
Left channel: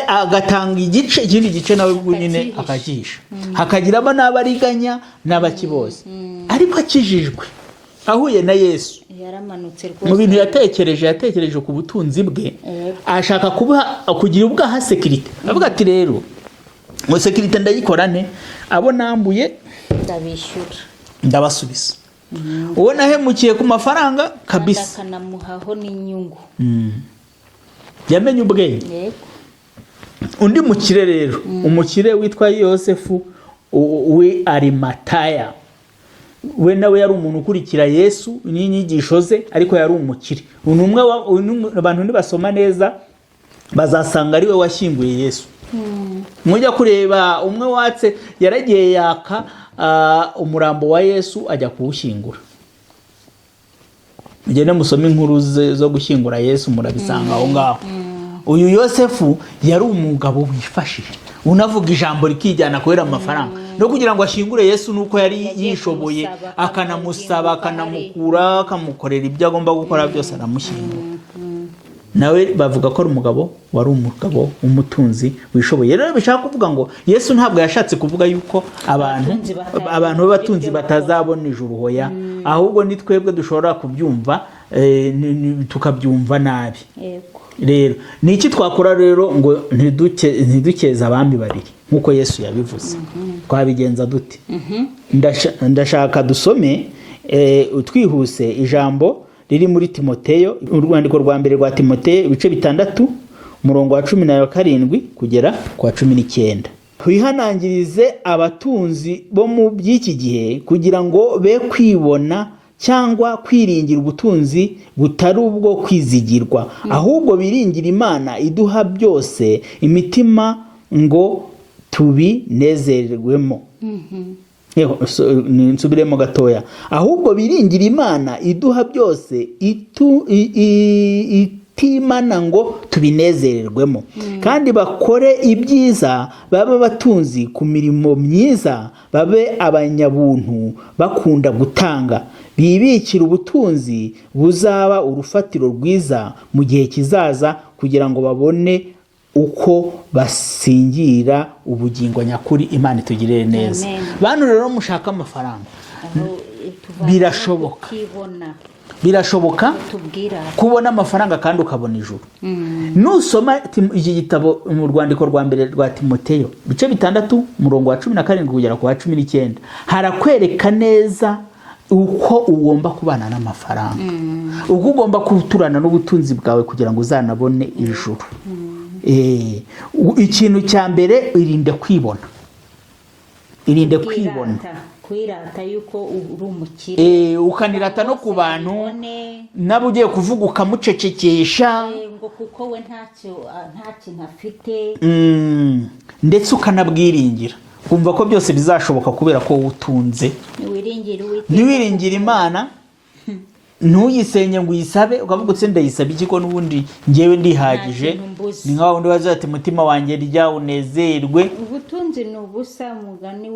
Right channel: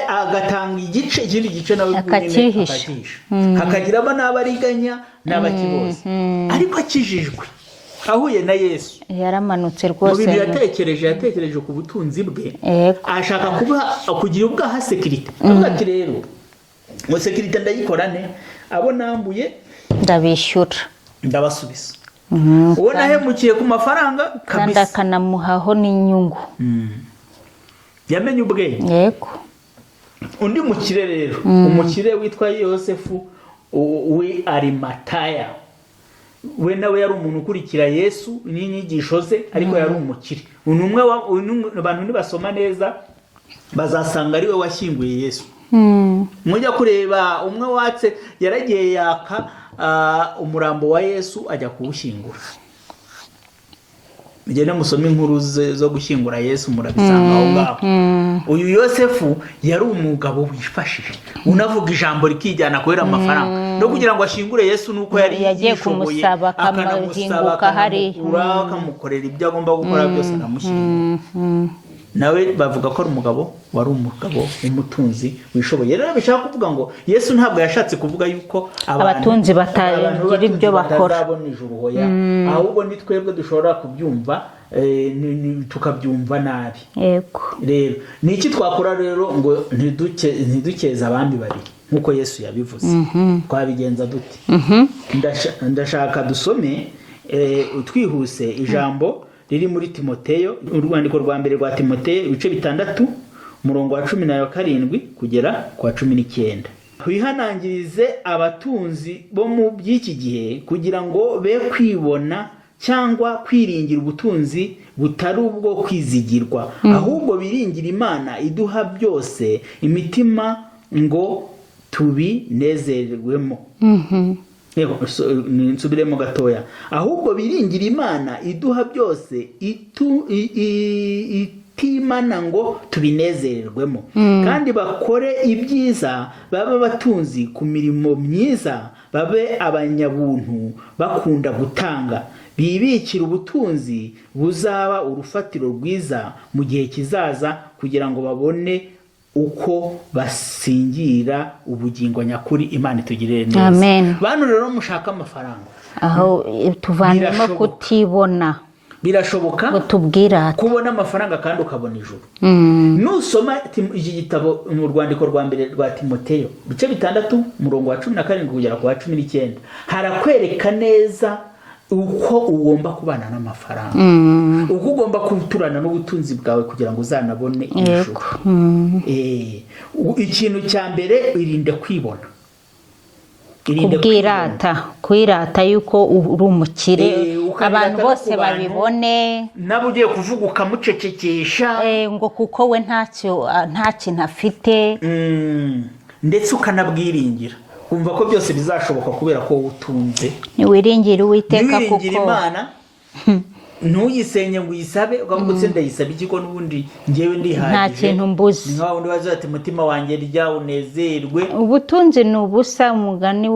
agatanga igice, ikindi gice nawe nyine akagisha, hakagiramo n'abariganya n'abakibose. Ariko akijijwe ahuye na Yesu, yaramanutse rwose. Mu bintu yatekereje ku butunzi bwe, ashaka kugira ubwaha security. Avuga ati rero ngo security ndayikora ne, abo nambuye ndabishyura, ndabasubiza. Uwo nahemukiye ku mafaranga kabisa, akanamuhaho n'inyungu. Yamenye ubwenge. Yego. Undi mukire rero, umukire witwa Yosefu we Arimataya, we nawe yari umuntu ukurikira Yesu n'inyigisho ze, ariko yari umukire. Umwe abantu nibasoma neza bazasanga ari we washyinguye Yesu. Mujya kureba umwe watse yaragiye yaka umurambo wa Yesu ajya kuwushyingura. Mugende musome inkuru zo gushyingura Yesu murabisanga aho ngaho. Uyu Yosefu yari umugabo wifashije, unavuga ijambo rikijyana kubera amafaranga, no kugira ngo ashyingure Yesu nuko yari yishoboye, akanamusaba, akanamukura, akamukorera ibyo agomba gukora byose, aramushyingura. nawe bavuga ko ari umugabo wari umugabo w'umutunzi wishoboye. Rero bishaka kuvuga ngo Yesu ntabwo yashatse kuvuga yuko Abatunzi batazabona ijuru hoya, ahubwo ni twebwe dushobora kubyumva tukabyumva nabi. Yego. Rero ni iki twakora rero ngo ntidukeze abandi babiri nk'uko Yesu yabivuze? Twabigenza dute? Ndashaka dusome twihuse ijambo riri muri Timoteyo, urwandiko rwa mbere rwa Timoteyo ibice 6 umurongo wa 17 kugera ku wa 19. Wihanangirize abatunzi bo mu by'iki gihe kugira ngo be kwibona cyangwa kwiringira ubutunzi butari ubwo kwizigirwa, ahubwo biringira Imana iduha byose imitima ngo tubinezerwemo. Nsubiremo gatoya. Ahubwo biringira Imana iduha byose itimana ngo tubinezererwemo, kandi bakore ibyiza, babe batunzi ku mirimo myiza, babe abanyabuntu bakunda gutanga, bibikira ubutunzi buzaba urufatiro rwiza mu gihe kizaza, kugira ngo babone uko basingira ubugingo nyakuri. Imana itugirire neza. Amen. Bantu rero mushaka amafaranga, aho tuvanamo kutibona, birashoboka tubwira kubona amafaranga kandi ukabona ijuru. Nusoma iki gitabo mu rwandiko rwa mbere rwa Timoteyo bice 6 umurongo wa 17 kugera ku wa 19, harakwereka neza uko ugomba kubana n'amafaranga, uko ugomba kuturana n'ubutunzi bwawe kugira ngo uzanabone ijuru. Ikintu cya mbere, irinde kwibona, kwirata yuko uri umukire, abantu bose babibone, nabo ugiye kuvuga ukamucecekesha ngo kuko we nta kintu afite, ndetse ukanabwiringira kumva ko byose bizashoboka kubera ko utunze. Wiringira Uwiteka, wiringira Imana, ntuyisenye ngo uyisabe ukavuga utse ndayisaba iki ko n'ubundi ngewe ndihagije. Ni nka wundi waza ati mutima wanjye rya unezerwe. Ubutunzi ni ubusa, umugani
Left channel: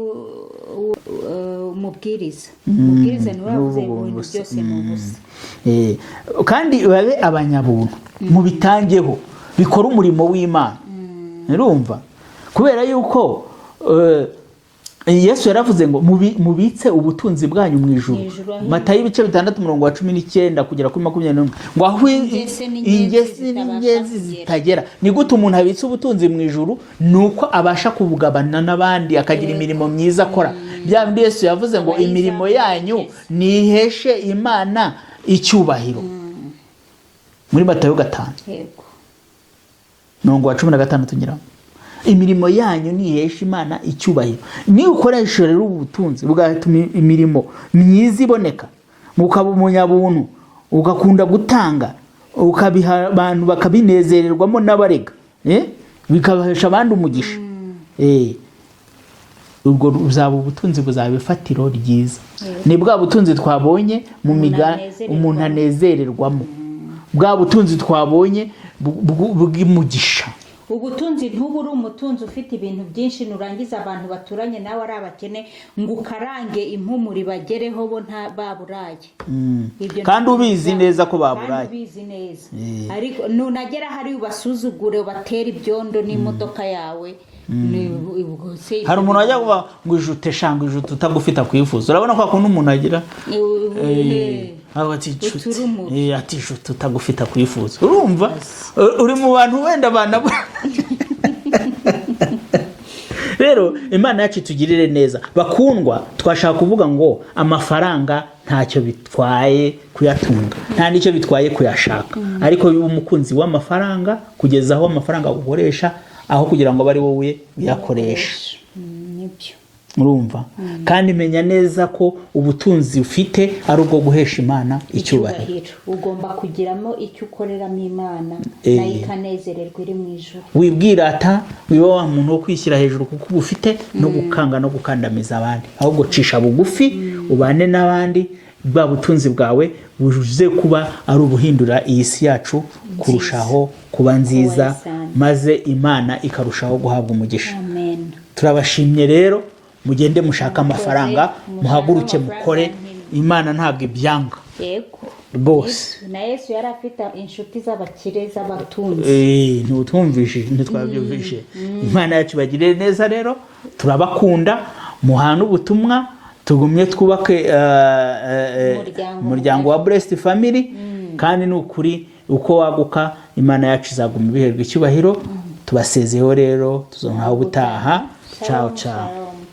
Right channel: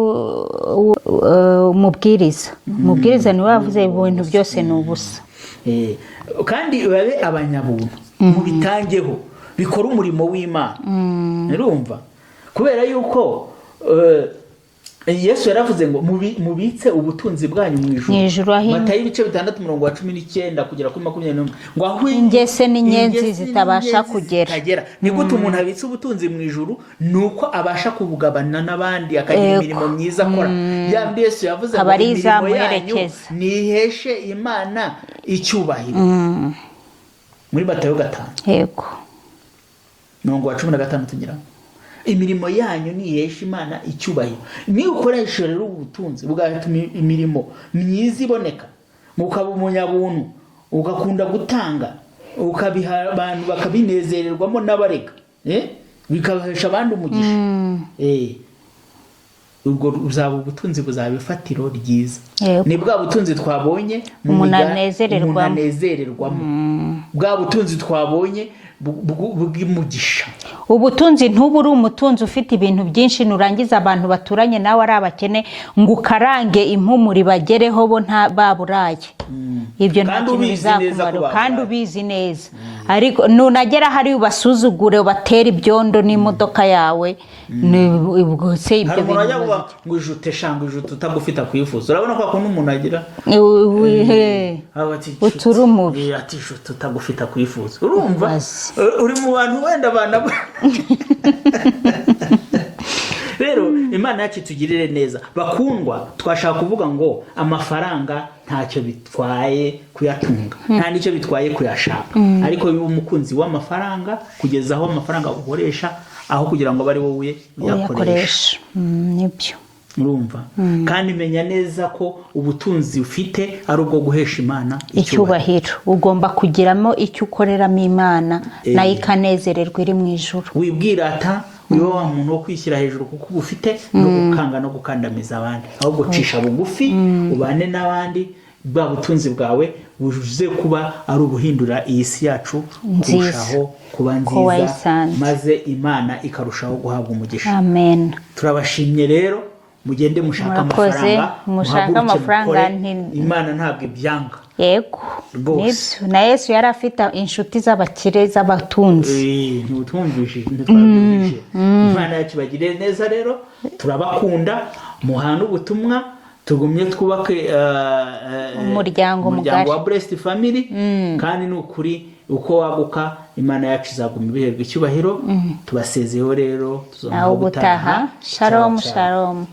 umubwiriza ni wavuze ibintu byose ni ubusa. Kandi babe abanyabuntu, mu bitangeho bikora umurimo w'Imana. Urumva? Kubera yuko Yesu yaravuze ngo mubitse ubutunzi bwanyu mu ijuru. Matayo ibice 6 umurongo wa 19 kugera kuri 21, ngo aho ingese n'inyenzi zitabasha kugera. Ni gute umuntu abitse ubutunzi mu ijuru? Nuko abasha kubugabana n'abandi, akagira imirimo myiza akora. Bya bindi Yesu yavuze ngo imirimo yanyu niheshe Imana icyubahiro, muri Matayo 5. Yego. Umurongo wa 16 nyiramo. Imirimo yanyu nihesha Imana icyubahiro. Ni ukoresha rero ubutunzi bugatuma imirimo myiza iboneka, ukaba umunyabuntu, ugakunda gutanga, ukabiha abantu bakabinezererwamo n'abarega, bikabahesha abandi umugisha. Ubwo uzaba ubutunzi buzaba ifatiro ryiza. Ni bwa butunzi twabonye mu umuntu anezererwamo, bwa butunzi twabonye bw'umugisha. Ubutunzi ntuburi umutunzi ufite ibintu byinshi, nurangiza abantu baturanye nawe ari abakene ngo ukarange impumuri bagereho bo baburaye. Ibyo kandi ubizi neza ko baburaye, kandi ubizi neza. Ariko nunagera hari ubasuzugure, ubatera ibyondo n'imodoka yawe. Hari umuntu ajya ngo ijute shanga ijute utagufita kwifuza. Urabona ko akunda umuntu agira uturumubi, ati ijute utagufita kwifuza. Urumva uri mu bantu wenda bana. Rero Imana yacu itugirire neza. Bakundwa, twashaka kuvuga ngo amafaranga ntacyo bitwaye kuyatunga, nta nicyo bitwaye kuyashaka. Ariko uyu umukunzi w'amafaranga kugeza aho amafaranga ukoresha aho kugira ngo bari wowe uyakoresha. Nibyo. Urumva? Kandi menya neza ko ubutunzi ufite ari ubwo guhesha Imana icyubahiro. Ugomba kugiramo icyo ukoreramo Imana, nayo ikanezererwa iri mu ijuru. Wibwirata niwe wa muntu wo kwishyira hejuru kuko ubufite no gukanga no gukandamiza abandi. Ahubwo cisha bugufi, ubane n'abandi, bwa butunzi bwawe bujuze kuba ari ubuhindura iyi si yacu kurushaho kuba nziza, maze Imana ikarushaho guhabwa umugisha. Amen. Turabashimye rero, mugende mushaka amafaranga, muhaguruke mukore. Imana ntabwo ibyanga. yego Rwose. na Yesu yari afite inshuti z'abakire z'abatunzi. ntitwabyumvise. Imana yacu bagire neza rero, turabakunda, muhana ubutumwa, tugumye twubake umuryango wa Blessed Family, kandi ni ukuri uko waguka Imana yacu izaguma ibiherwa icyubahiro. Tubasezeho rero, tuzongera gutaha. Shalom shalom.